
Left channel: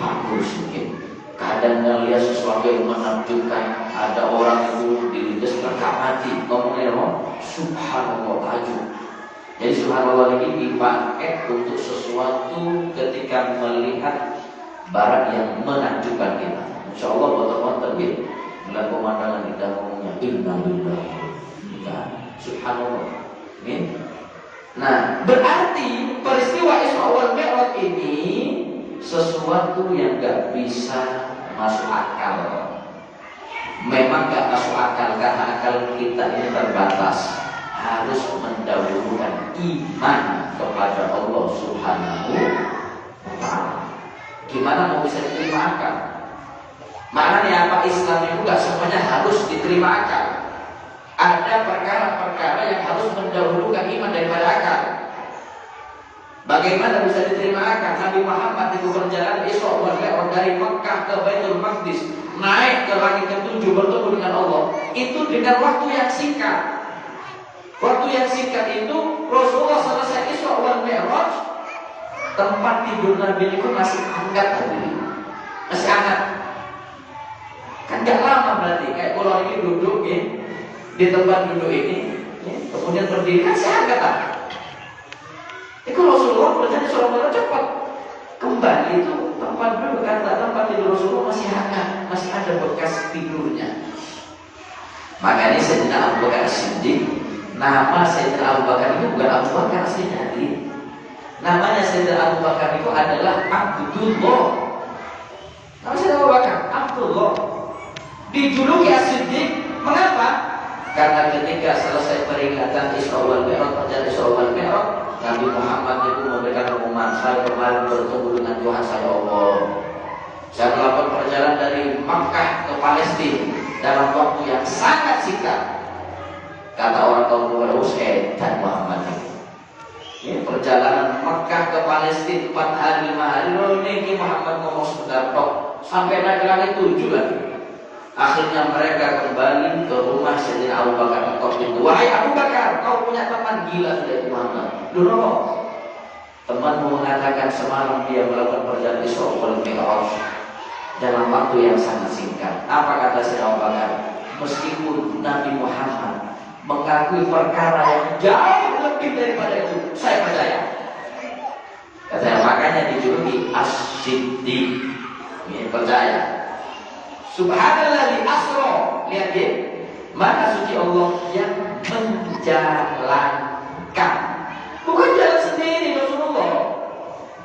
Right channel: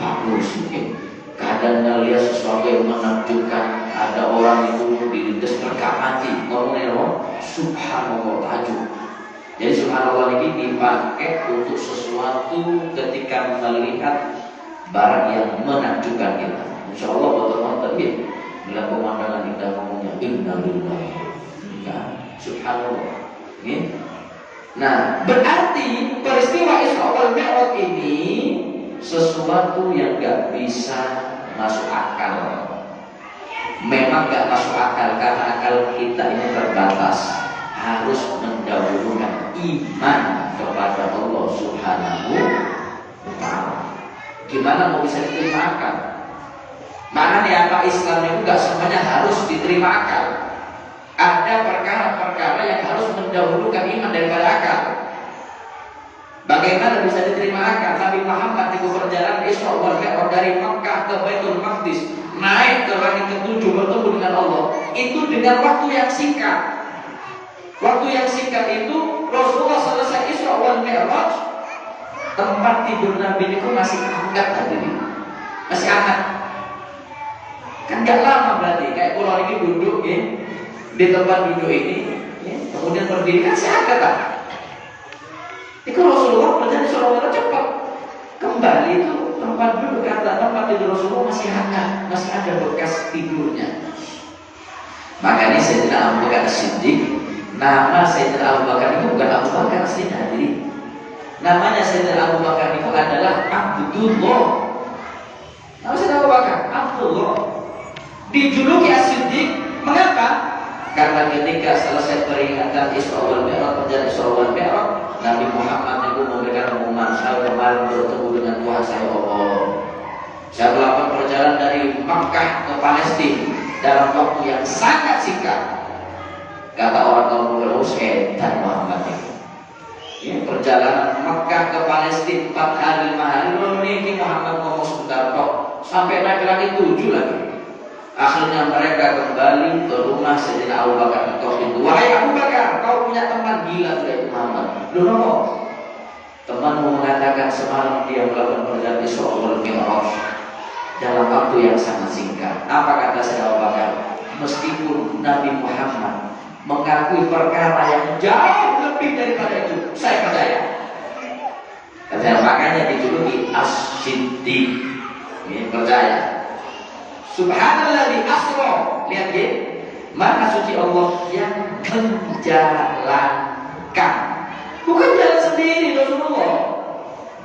Bagus mungkin. Kadang melihat sesuatu yang menakjubkan, ada orang itu dilindas mereka mati. Ngomongnya apa? Subhanallah, takjub. Jadi subhanallah ini dipakai untuk sesuatu ketika melihat barang yang menakjubkan kita. Insya Allah betul-betul ya. Melihat pemandangan indah ngomongnya innalillah. Subhanallah. Ini. Nah, berarti peristiwa Isra wal Mi'raj ini sesuatu yang gak bisa masuk akal. Memang gak masuk akal karena akal kita ini terbatas. Harus mendahulukan iman kepada Allah Subhanahu wa ta'ala. Gimana mau bisa diterima akal? Maknanya apa? Islam itu gak semuanya harus diterima akal. Ada perkara-perkara yang harus mendahulukan iman daripada akal. Bagaimana bisa diterima akal? Nabi Muhammad itu berjalan Isra wal Mi'raj dari Makkah ke Baitul Maqdis, naik ke langit ketujuh bertemu dengan Allah. Itu dengan waktu yang singkat. Waktu yang singkat itu Rasulullah selesai Isra wal Mi'raj, tempat tidur Nabi itu masih hangat tadi, masih hangat. Kan gak lama berarti. Kayak kalau ini duduk ya, di tempat duduk ini, ya, kemudian berdiri masih hangat lah. Itu Rasulullah berjalan Isra wal Mi'raj cepat. Kembali itu tempat duduk, kata tempat tidur Rasulullah masih hangat, masih ada bekas tidurnya. Makanya Sayyidina Abu Bakar Siddiq, nama Sayyidina Abu Bakar itu bukan Abu Bakar aslinya hadirin. Namanya Sayyidina Abu Bakar itu adalah Abdullah. Nama Sayyidina Abu Bakar Abdullah. Dijuluki As-Siddiq. Mengapa? Karena ketika selesai peringatan Isra wal Mi'raj, perjalanan Isra wal Mi'raj, Nabi Muhammad itu memberikan pengumuman, saya kemarin bertemu dengan Tuhan saya Allah. Saya melakukan perjalanan dari Makkah ke Palestina dalam waktu yang sangat singkat. Kata orang kaum Quraisy, setan Muhammad ini. Ya, perjalanan Makkah ke Palestina 4 hari 5 hari. Lalu ini Muhammad ngomong sebentar tok, sampai naik lagi 7 lagi. Akhirnya mereka kembali ke rumah Sayyidina Abu Bakar. Wahai Abu Bakar, kau punya teman gila sudah itu Muhammad. Loh, temanmu mengatakan semalam dia melakukan perjalanan Isra wal Mi'raj dalam waktu yang sangat singkat. Apa kata Sayyidina Abu Bakar? Meskipun Nabi Muhammad mengakui perkara yang jauh lebih daripada itu, saya percaya. Kata makanya dijuluki As-Siddiq. Ini percaya. Subhanalladzi asra. Lihat ya, maha suci Allah yang menjalankan. Bukan jalan sendiri Rasulullah,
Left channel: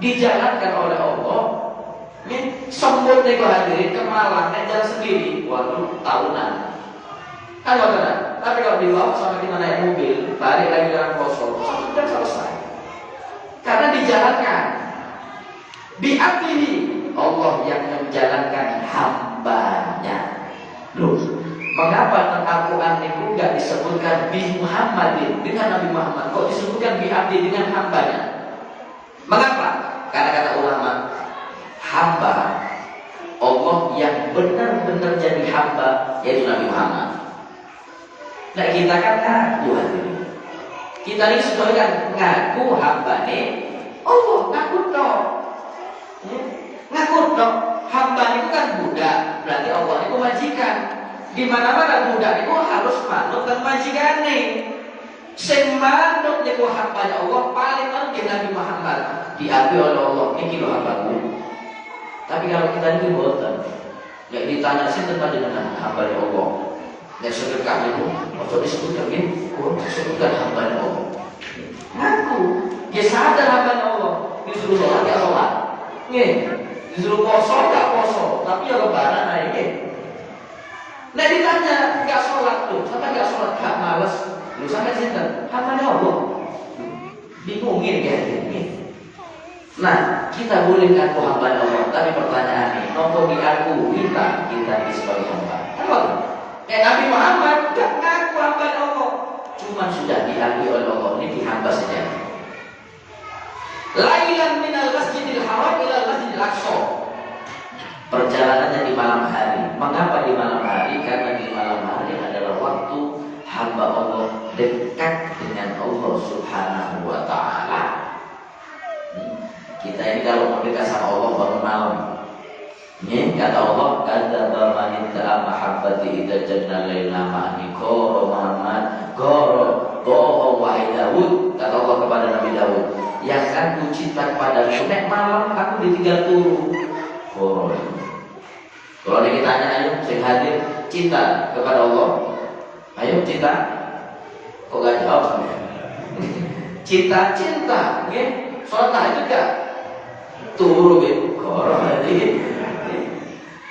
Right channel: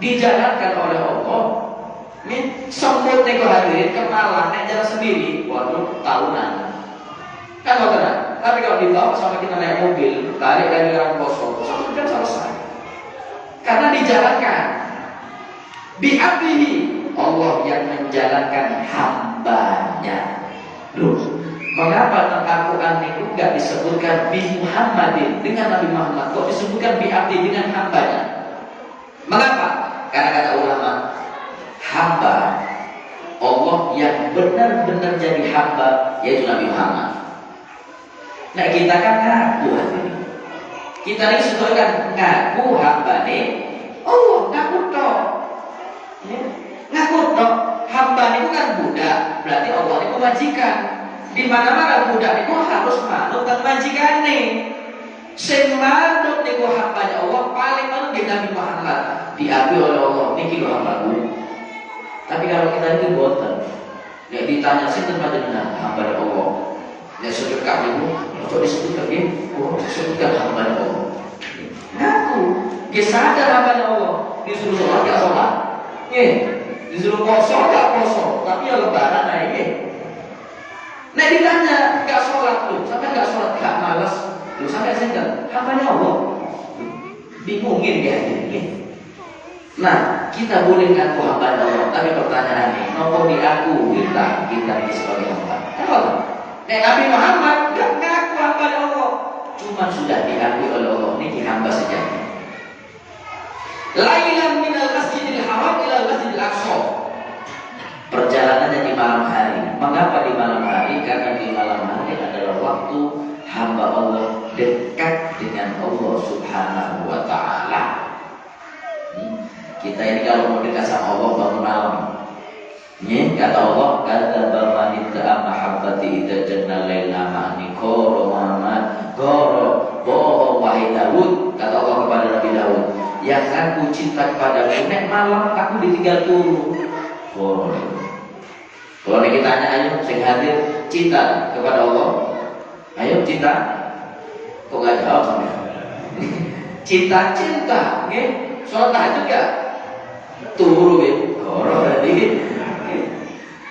dijalankan oleh Allah. Ini sempurna itu hadirin ke Malang, naik jalan sendiri, waduh tahunan. Kan benar. Tapi kalau dibawa sampai kita naik mobil, balik lagi ke kosong, kan selesai. Karena dijalankan. Bi'abdihi, Allah yang menjalankan hambanya. Loh, mengapa dalam Al-Quran itu enggak disebutkan bi Muhammadin dengan Nabi Muhammad, kok disebutkan bi'abdi dengan hambanya? Mengapa? Karena kata ulama, hamba Allah yang benar-benar jadi hamba yaitu Nabi Muhammad. Nah kita kan ngaku hadirin. Kita ini sudah kan ngaku hamba nih. Allah ngaku toh. Ya, ngaku toh. hamba niku kan budak, berarti Allah niku majikan. Di mana-mana budak niku harus manut kan majikane. Sing manut niku hamba Allah paling penting Nabi Muhammad diakui oleh Allah niki lho hambaku. Tapi kalau kita ini boten, nek ditanya sinten panjenengan hamba Allah. Nek sedekah niku ojo disebutkan nggih, kula disebutkan hamba Allah. Aku sadar hamba Allah, disuruh sholat gak sholat, nggih, disuruh poso gak poso, tapi ya lebaran ae nggih. Nek ditanya gak sholat tuh, sampai gak sholat gak males, lu sampai sinten hamba Allah. Bingungin ya ini. Nah, kita boleh ngaku hamba Allah, tapi pertanyaannya, nopo diaku kita sebagai hamba? Apa? Nabi Muhammad gak ngaku hamba Allah, cuma sudah diakui oleh Allah ini hamba sejati. Lailan minal masjidil haram ilal masjidil aqsa. Perjalanannya di malam hari. Mengapa di malam hari? Karena di malam hari adalah waktu hamba Allah dekat dengan Allah Subhanahu wa ta'ala. Kita ini kalau mau dekat sama Allah bangun malam. Ini kata Allah, kata man itta'a mahabbati idza janna laila ma'ni qara Muhammad qara wahai Daud, kata Allah kepada Nabi Daud, yang aku cinta kepadamu nek malam aku ditinggal turu. Kalau kita tanya, ayo sing hadir cinta kepada Allah, ayo cinta, kok gak jawab sampai? Cinta, nggih. Salat tahajud gak? Turu nggih. Qara tadi.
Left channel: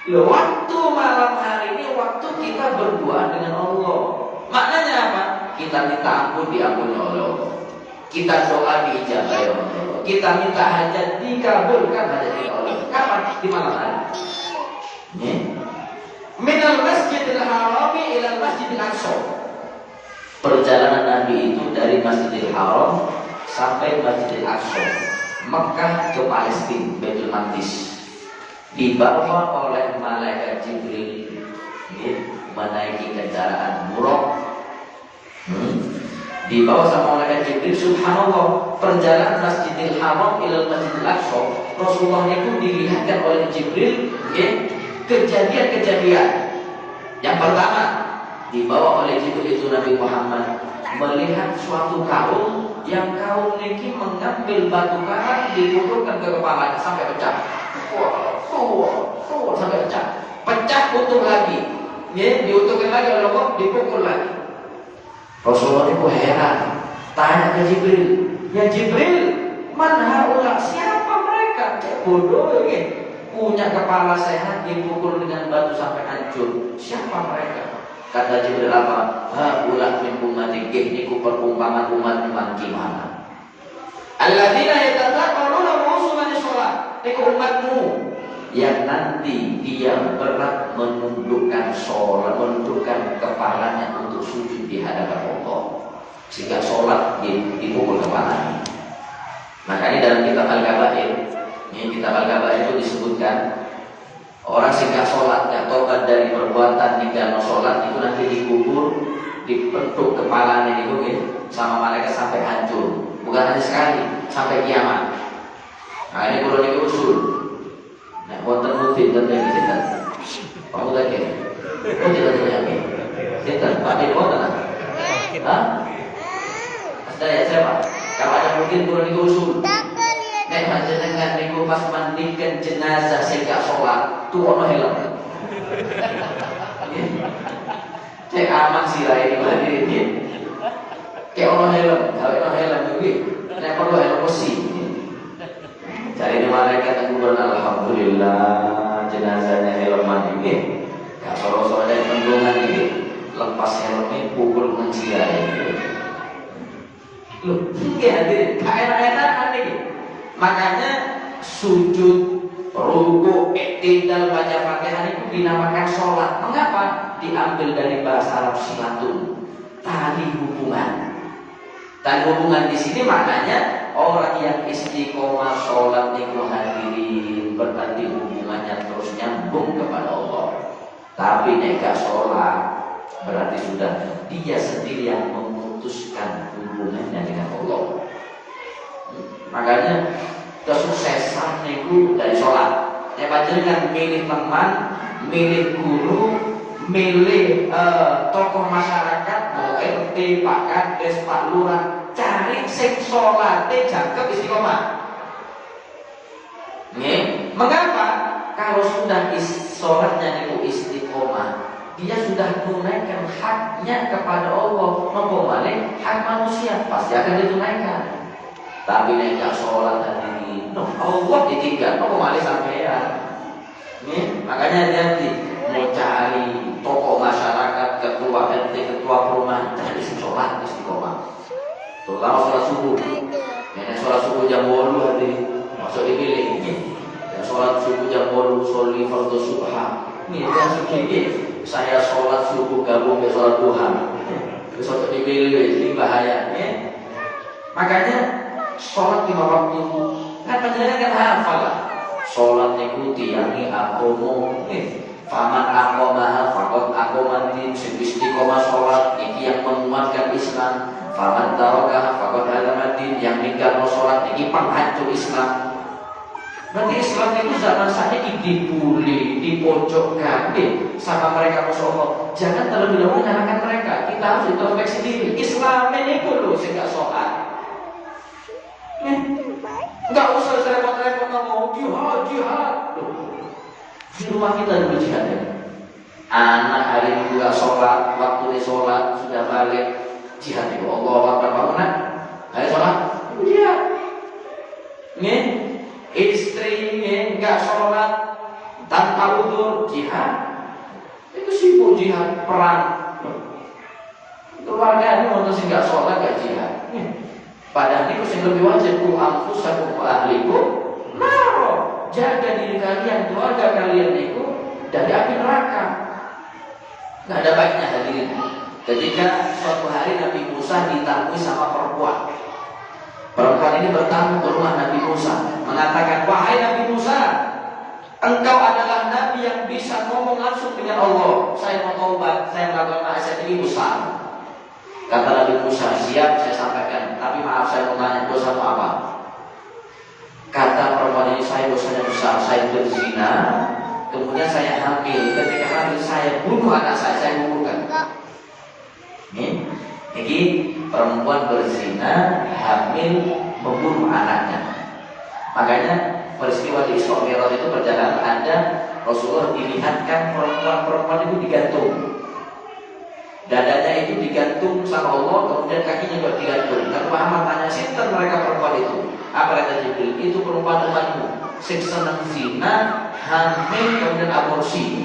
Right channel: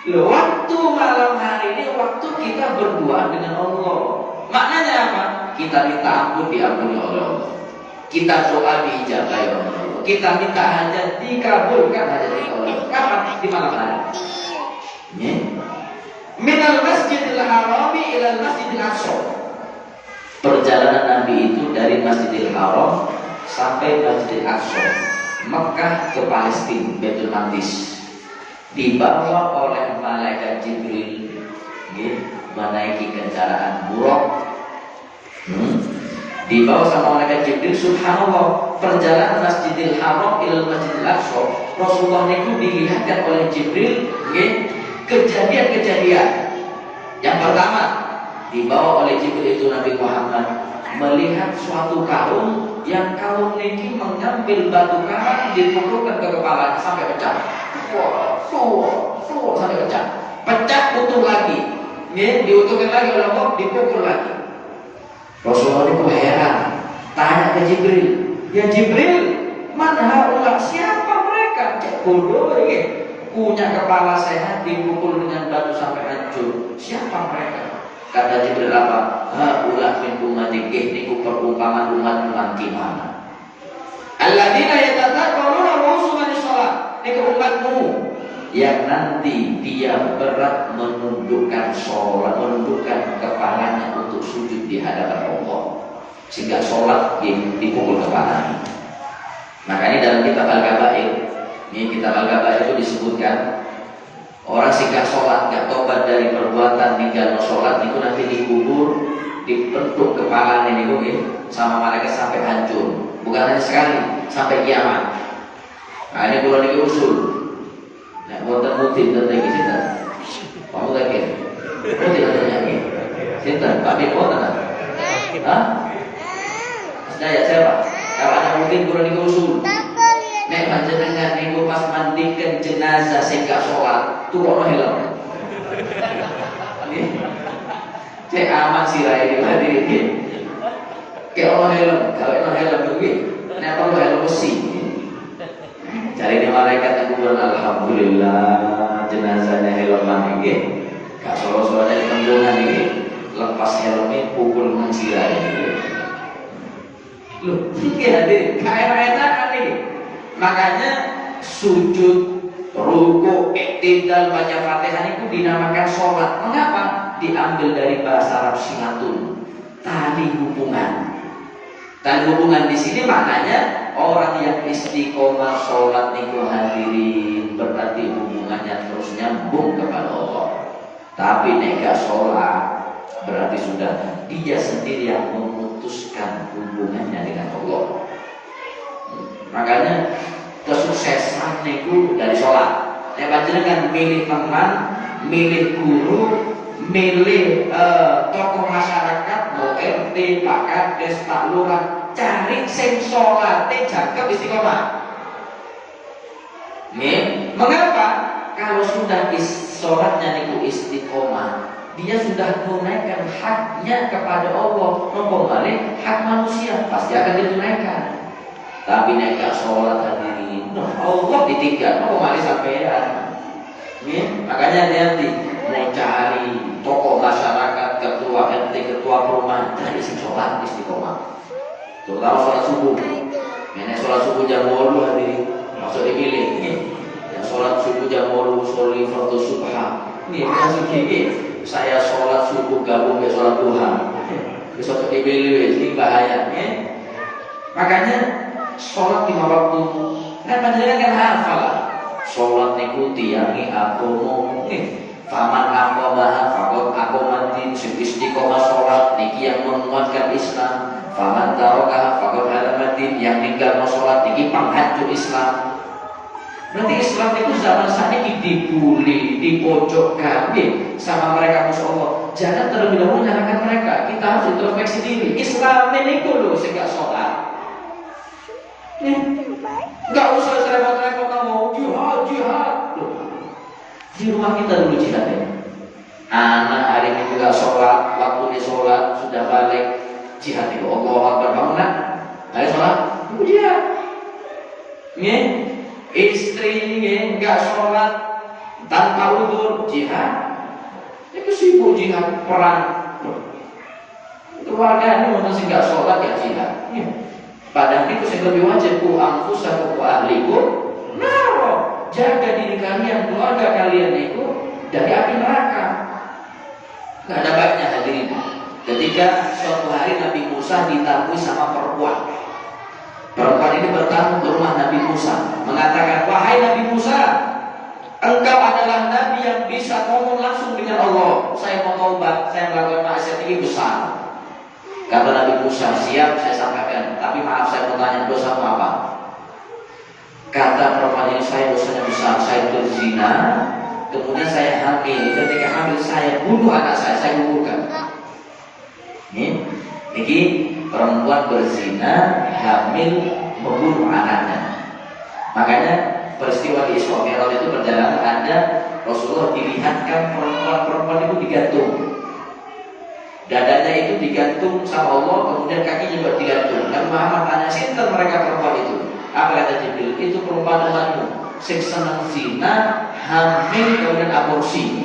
Loh, waktu malam hari ini waktu kita berdua dengan Allah. Maknanya apa? Kita minta ampun diampuni oleh Allah. Kita doa diijabah oleh Allah. Kita minta hajat dikabulkan hajat oleh Allah. Kapan? Di malam hari. Minal masjidil harami ilal masjidil aqsa. Perjalanan Nabi itu dari Masjidil Haram sampai Masjidil Aqsa, Mekah ke Palestina, Baitul Maqdis, dibawa oleh malaikat Jibril, menaiki kendaraan buruk, dibawa sama malaikat Jibril. Subhanallah, perjalanan Masjidil Haram ila Masjidil Aqsa, Rasulullah itu dilihatkan oleh Jibril kejadian-kejadian. Yang pertama, dibawa oleh Jibril itu Nabi Muhammad melihat suatu kaum yang kaum ini mengambil batu karang dipukulkan ke kepalanya sampai pecah. Sampai pecah utuh lagi. Diutuhkan lagi oleh Allah, dipukul lagi. Rasulullah itu heran, tanya ke Jibril, ya Jibril, man haula, siapa mereka? Cek bodoh ini, punya kepala sehat dipukul dengan batu sampai hancur. Siapa mereka? Kata Jibril apa? Haula min ummati, niku perumpamaan umat nanti mana? Alladzina yatadzakkaruna wa hum sholat. Niku umatmu yang nanti dia berat menundukkan sholat, menundukkan kepalanya untuk sujud di hadapan Allah, sehingga sholat dipukul kepalanya. Makanya dalam kitab Al-Kabair, ini kitab Al-Kabair itu disebutkan orang sing gak sholat, gak tobat dari perbuatan tinggal sholat itu nanti dikubur, dipentuk kepalanya itu sama malaikat sampai hancur. Bukan hanya sekali, sampai kiamat. Nah ini kalau diusul, nah wonten mudin tentang ini sinten? Kamu lagi? Oh tidak terjadi. Sinten? Pak Dik wonten? Hah? Saya siapa? Kapan mudin kalau diusul? Nek panjenengan niku pas mandikan jenazah sing gak sholat, tuh ono helm. Cek aman sirai tadi iki. Kayak ono helm, gawe ono helm iki. Nek perlu helm besi. Cari di malaikat yang kubur, alhamdulillah jenazahnya helman iki. Gak solo-solo dari tendungan iki. Lepas helmnya pukul mencirai. Loh, iki hadir kayak-kayak iki. Makanya sujud, ruku, iktidal, baca Fatihah itu dinamakan sholat. Mengapa? Diambil dari bahasa Arab silatun, tali hubungan. Tali hubungan di sini maknanya orang yang istiqomah sholat niku hadirin, berarti hubungannya terus nyambung kepada Allah. Tapi nek gak sholat, berarti sudah dia sendiri yang memutuskan hubungannya dengan Allah. Makanya kesuksesan itu dari sholat. Nek panjenengan milih teman, milih guru, milih tokoh masyarakat, mau RT, Pak Kades, Pak Lurah, cari sing salate jagep istiqomah. Nggih, mengapa? Kalau sudah sholatnya niku istiqomah, dia sudah tunaikan haknya kepada Allah, nopo malih hak manusia pasti akan ditunaikan. Tapi nek gak sholat hadirin, Allah ditinggal, nopo malih sampean. Nih, makanya hati-hati mau cari tokoh masyarakat, ketua RT, ketua perumahan, cari si sholat istiqomah. Terutama sholat subuh. Nek sholat subuh jam 8 hadirin, maksud dipilih. Yang sholat subuh jam 8 sholli fardhu subha. Nih yang sedikit. Saya sholat subuh gabung ke sholat duha. Besok dipilih ini bahaya. Makanya sholat 5 waktu. Nah panjenengan kan hafal. Sholat niku tiangi agomo. Faman aqamaha faqad aqamati, sing istiqomah sholat niki yang menguatkan Islam. Faman taraka faqad hadamatin, yang ninggalno sholat niki penghancur Islam. Berarti Islam itu zaman saat ini dibully, dipojokkan sama mereka musuh Allah. Jangan terlebih dahulu menyalahkan mereka. Kita harus introspeksi diri. Islam ini loh sehingga sholat. Nggak usah repot-repot ngomong jihad. Di rumah kita dulu jihad ya. Anak hari ini juga sholat, waktu ini sholat sudah balik jihad itu. Allah Akbar bangunan. Ayo sholat, jihad. Nih. Istri nggak sholat tanpa udzur jihad, itu sibuk jihad perang. Keluarganya untuk sih nggak sholat nggak jihad. Padahal itu yang lebih wajib ku anfusakum wa ahlikum naro, jaga diri kalian, keluarga kalian itu dari api neraka. Nggak ada baiknya hadirin. Ketika suatu hari Nabi Musa ditabui sama perempuan. Perempuan ini bertamu ke rumah Nabi Musa, mengatakan, wahai Nabi Musa, engkau adalah Nabi yang bisa ngomong langsung dengan Allah. Saya mau taubat, saya melakukan maksiat ini besar. Kata Nabi Musa, siap saya sampaikan, tapi maaf saya mau tanya dosa apa? Kata perempuan ini, saya dosanya besar, saya berzina, kemudian saya hamil. Ketika hamil saya bunuh anak saya gugurkan. Ini perempuan berzina, hamil, membunuh anaknya. Makanya peristiwa di Isra Mi'raj itu berjalan, ada Rasulullah dilihatkan perempuan itu digantung. Dadanya itu digantung sama Allah, kemudian kakinya juga digantung. Dan Muhammad tanya, sinten mereka perempuan itu? Apa kata Jibril? Itu perempuan umatmu, sing seneng zina, hamil, kemudian aborsi.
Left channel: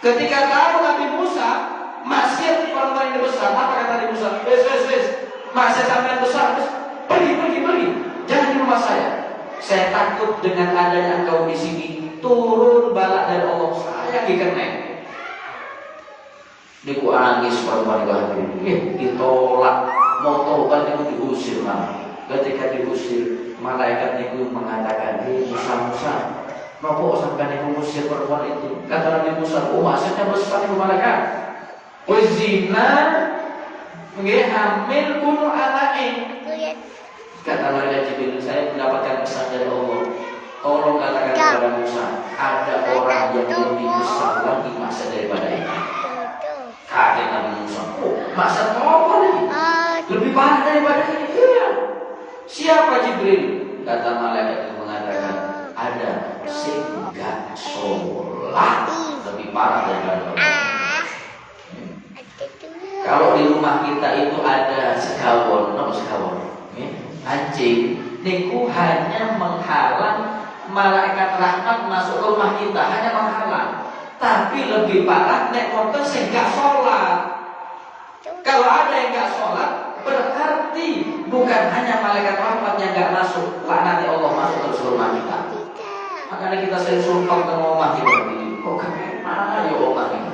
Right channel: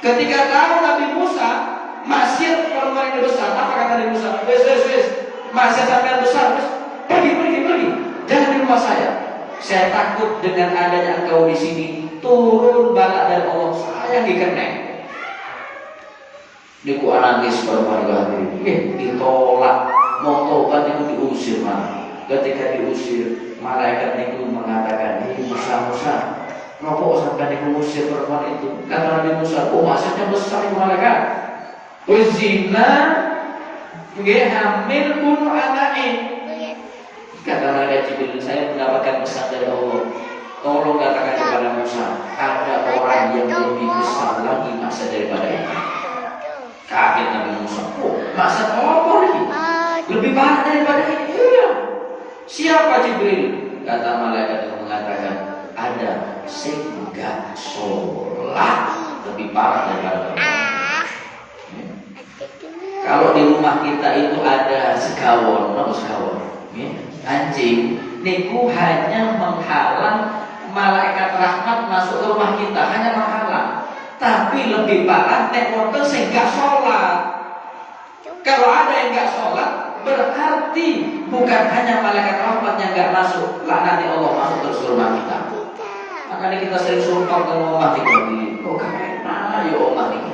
Ketika tahu Nabi Musa maksiat perempuan ini besar, apa kata Nabi Musa? Wes, maksiat sampean besar, pergi, jangan di rumah saya. Saya takut dengan adanya engkau di sini turun bala dari Allah, saya dikenek. Niku nangis perempuan itu ditolak, mau tobat itu diusir malah. Ketika diusir, malaikat itu mengatakan, Musa, nopo sampai niku usir perempuan itu? Kata Nabi Musa, maksudnya besar itu malaikat. Zina, hamil, bunuh anaknya. Kata malaikat Jibril, saya mendapatkan pesan dari Allah. Tolong katakan kepada Musa, ada orang yang lebih besar lagi masa daripada ini. Kaget Nabi Musa, masa apa lagi? Lebih parah daripada ini. Iya. Siapa Jibril? Kata malaikat itu mengatakan, ada sehingga sholat lebih parah daripada ini. Kalau di rumah kita itu ada segawon, anjing, niku hanya menghalang malaikat rahmat masuk ke rumah kita, hanya menghalang. Tapi lebih parah nek wonten sing gak sholat. Kalau ada yang gak sholat, berarti bukan hanya malaikat rahmat yang gak masuk, laknat Allah masuk terus ke rumah kita. Makanya kita sering sumpah ke rumah kita, kok gak mana ya omah ini?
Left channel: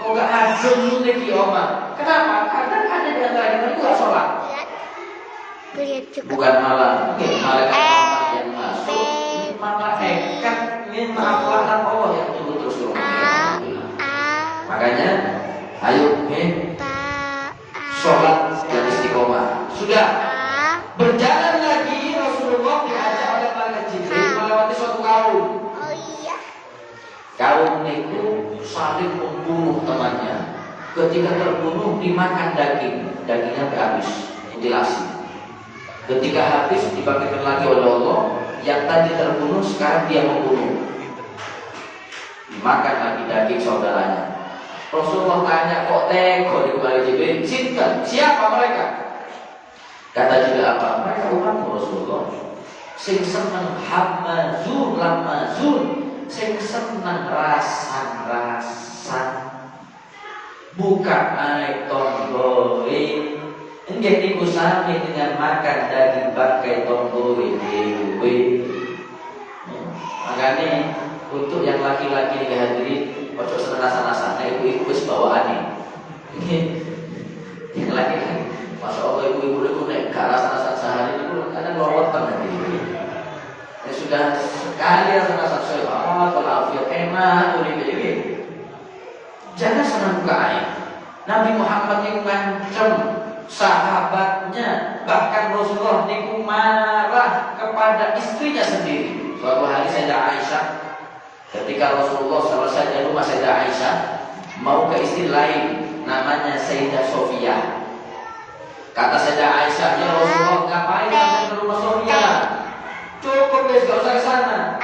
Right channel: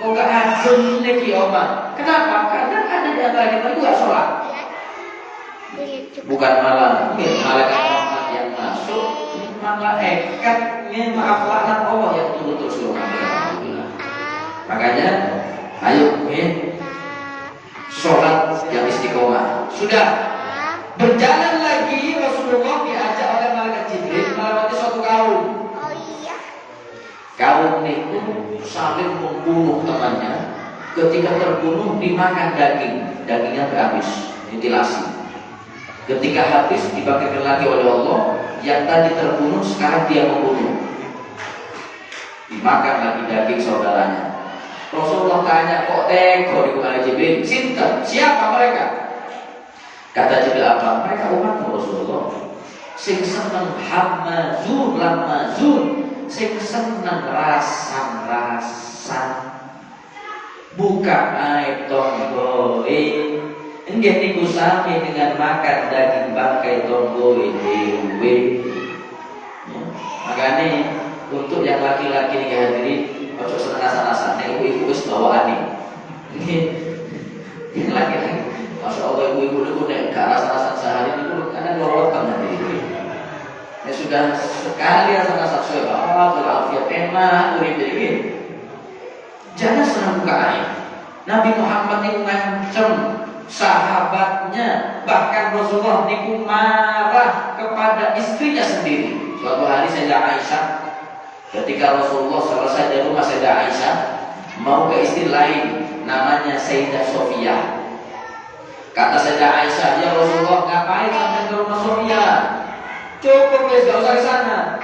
Kok gak adem nih omah? Kenapa? Karena ada di antara kita itu gak sholat. Bukan malah malaikat rahmat yang masuk, malaikat maaf laknat Allah yang turun terus ke rumah kita. Makanya ayo sholat yang istiqomah. Sudah berjalan lagi Rasulullah diajak oleh malaikat Kaum itu saling membunuh temannya. Ketika terbunuh dimakan dagingnya habis, mutilasi. Ketika habis dibangkitkan lagi oleh Allah. Yang tadi terbunuh sekarang dia membunuh, dimakan lagi daging saudaranya. Rasulullah tanya, kok tega di Jibril? Sinten? Siapa mereka? Kata Jibril apa? Mereka umatmu Rasulullah. Sing seneng hamazun lamazun, sing seneng rasan-rasan, buka aib tonggoe. Enggak niku sami dengan makan daging bangkai tonggoe dewe. Makanya untuk yang laki-laki yang hadirin ojo senasa-nasa, nek ibu wis bawaane. Yang laki-laki, masya Allah ibu-ibu itu nek gak rasa-rasa sehari itu kadang lorotan hadirin. Ya sudah sekali rasa-rasa sehat, walafiat enak, urip ini. Jangan senang buka aib. Nabi Muhammad itu ngancam sahabatnya, bahkan Rasulullah niku marah kepada istrinya sendiri. Suatu hari Sayyidah Aisyah, ketika Rasulullah selesai dari rumah Sayyidah Aisyah, mau ke istri lain namanya Sayyidah Sofia. Kata Sayyidah Aisyah, ya Rasulullah ngapain datang ke rumah Sofia? Cukup ya, gak usah ke sana.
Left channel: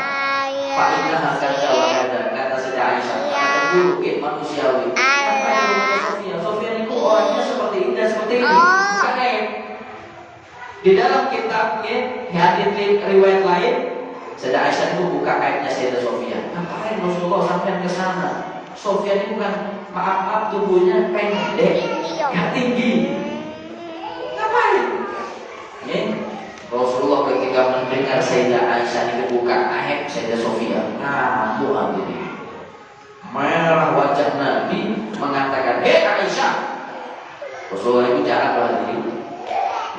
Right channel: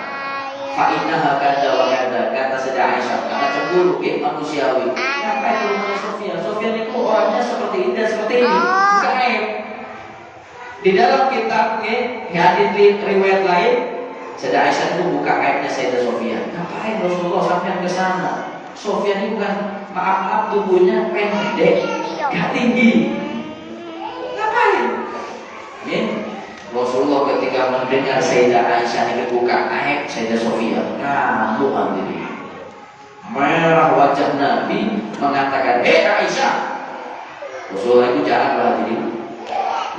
Fa'innaha kada wa kada, kata Sayyidah Aisyah, karena cemburu manusiawi. Ngapain ke rumahnya Sofia? Sofia itu orangnya seperti ini dan seperti ini. Bukan aib. Di dalam kitabnya hadits riwayat lain, Sayyidah Aisyah itu buka aibnya Sayyidah Sofia. Ngapain Rasulullah sampai ke sana? Sofia ini bukan, maaf tubuhnya pendek, gak tinggi. Ngapain? Ya, Rasulullah ketika mendengar Sayyidah Aisyah ini buka aib Sayyidah Sofia, ngamuk hadirin. Merah wajah Nabi mengatakan, hei Aisyah. Rasulullah itu jarang hadirin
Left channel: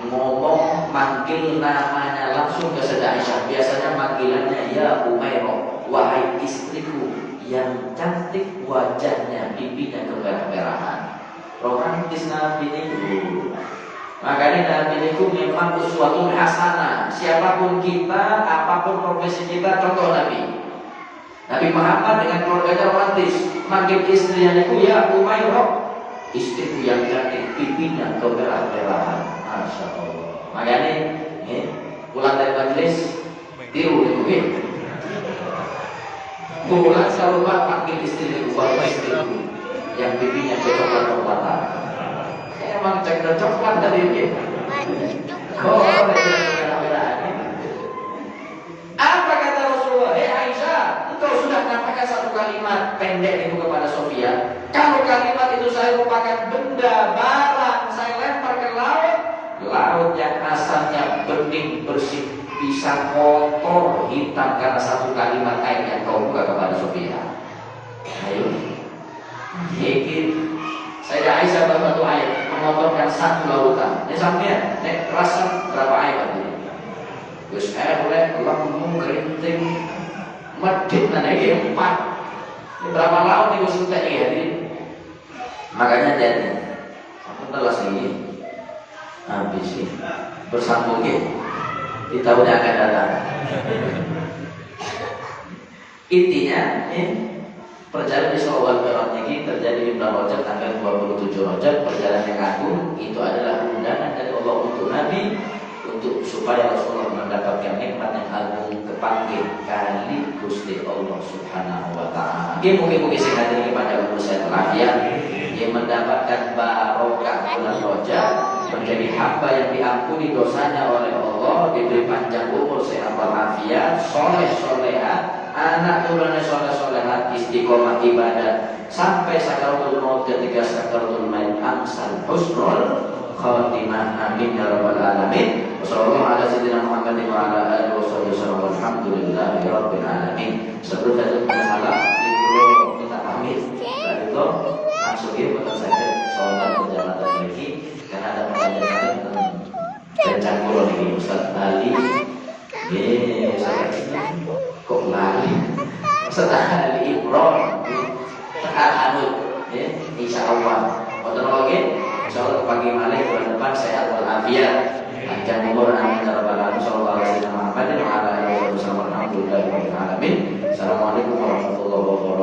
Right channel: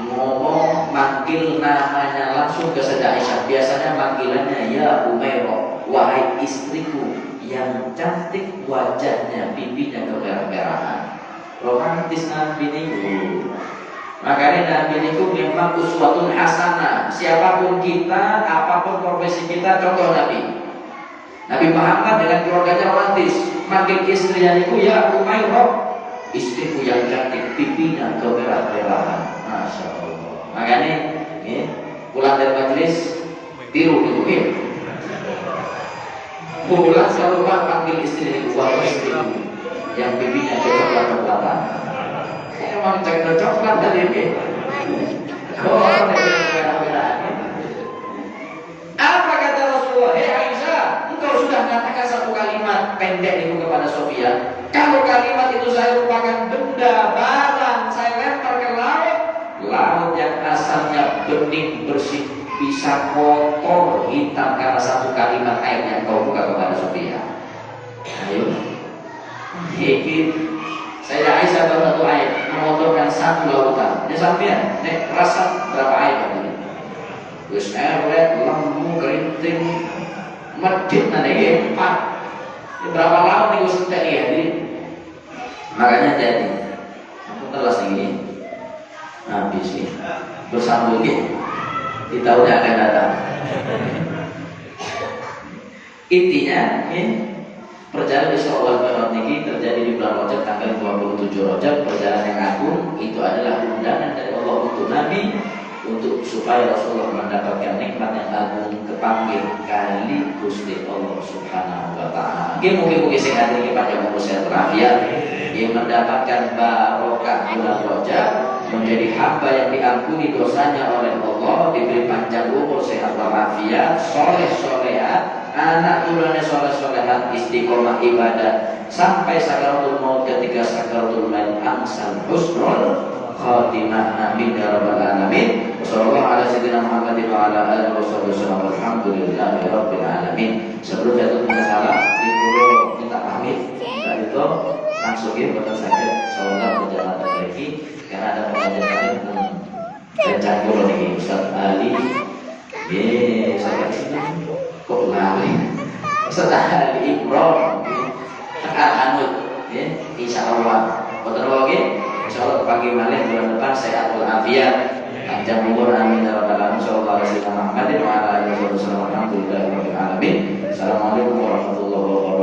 ngomong manggil namanya langsung ke Sayyidah Aisyah. Biasanya manggilannya ya Umairah, wahai istriku yang cantik wajahnya, pipinya kemerah-merahan. Romantis Nabi ini. Makanya Nabi itu memang uswatun hasanah. Siapapun kita, apapun profesi kita, contoh Nabi. Nabi Muhammad dengan keluarganya romantis. Manggil istrinya itu ya Umairah, istriku yang cantik, pipinya kemerah-merahan. Masya Allah. Makanya pulang dari majelis biru nih mungkin. Pulang selalu panggil istriku, wahai istriku yang pipinya coklat-coklatan. Emang coklat tadi ini. Kok merah-merahan? Apa kata Rasulullah? Hei Aisyah, engkau sudah mengatakan satu kalimat pendek itu kepada Sofia. Kalau kalimat itu saya lupakan benda, barang, saya lempar ke laut, laut yang asalnya bening, bersih, bisa kotor, hitam karena satu kalimat air yang kau buka kepada Sofia. Ayo, dikit. Saya Aisyah satu air mengotorkan satu lautan. Ini sampean, nek rasa berapa air tadi? Wis elek, lemu, kerinting, medit nanti empat. Berapa laut nih gue sentek ya? Makanya jadi, aku telas ini habis sih bersambung ya. Kita udah akan datang. Intinya, perjalanan Isra wal Mi'raj ini terjadi di bulan Rajab tanggal 27 Rajab. Perjalanan yang agung itu adalah undangan dari Allah untuk Nabi, untuk supaya Rasulullah mendapatkan nikmat yang agung, kepanggil kali Gusti Allah Subhanahu wa taala. Mungkin sing hadir di panjang umur sehat walafiat yang mendapatkan barokah bulan Rajab, menjadi hamba yang diampuni dosanya oleh Allah, diberi panjang umur sehat walafiat, soleh-solehat, anak turunnya soleh-solehat, istiqomah ibadah sampai sakaratul maut. Ketika sakaratul maut amsal husnul khatimah. Amin ya rabbal alamin. Wassallallahu ala sayyidina Muhammadin wa ala alihi wasallam. Walhamdulillahirabbil alamin. Sebelum jatuh ke salam, ibu minta pamit. Dari itu langsung ya buat saya sholat berjamaah lagi karena ada pertanyaan dan campur nih Ustaz Ali. Ustaz Ali kok lari? Ustaz Ali Imron Al-Hanud insyaallah. Betul lagi. Insyaallah pagi malam bulan depan sehat walafiat, panjang umur, amin ya rabbal alamin. Sallallahu alaihi wasallam Muhammadin wa ala alihi wasallam. Alhamdulillahirabbil alamin. Assalamualaikum warahmatullahi wabarakatuh.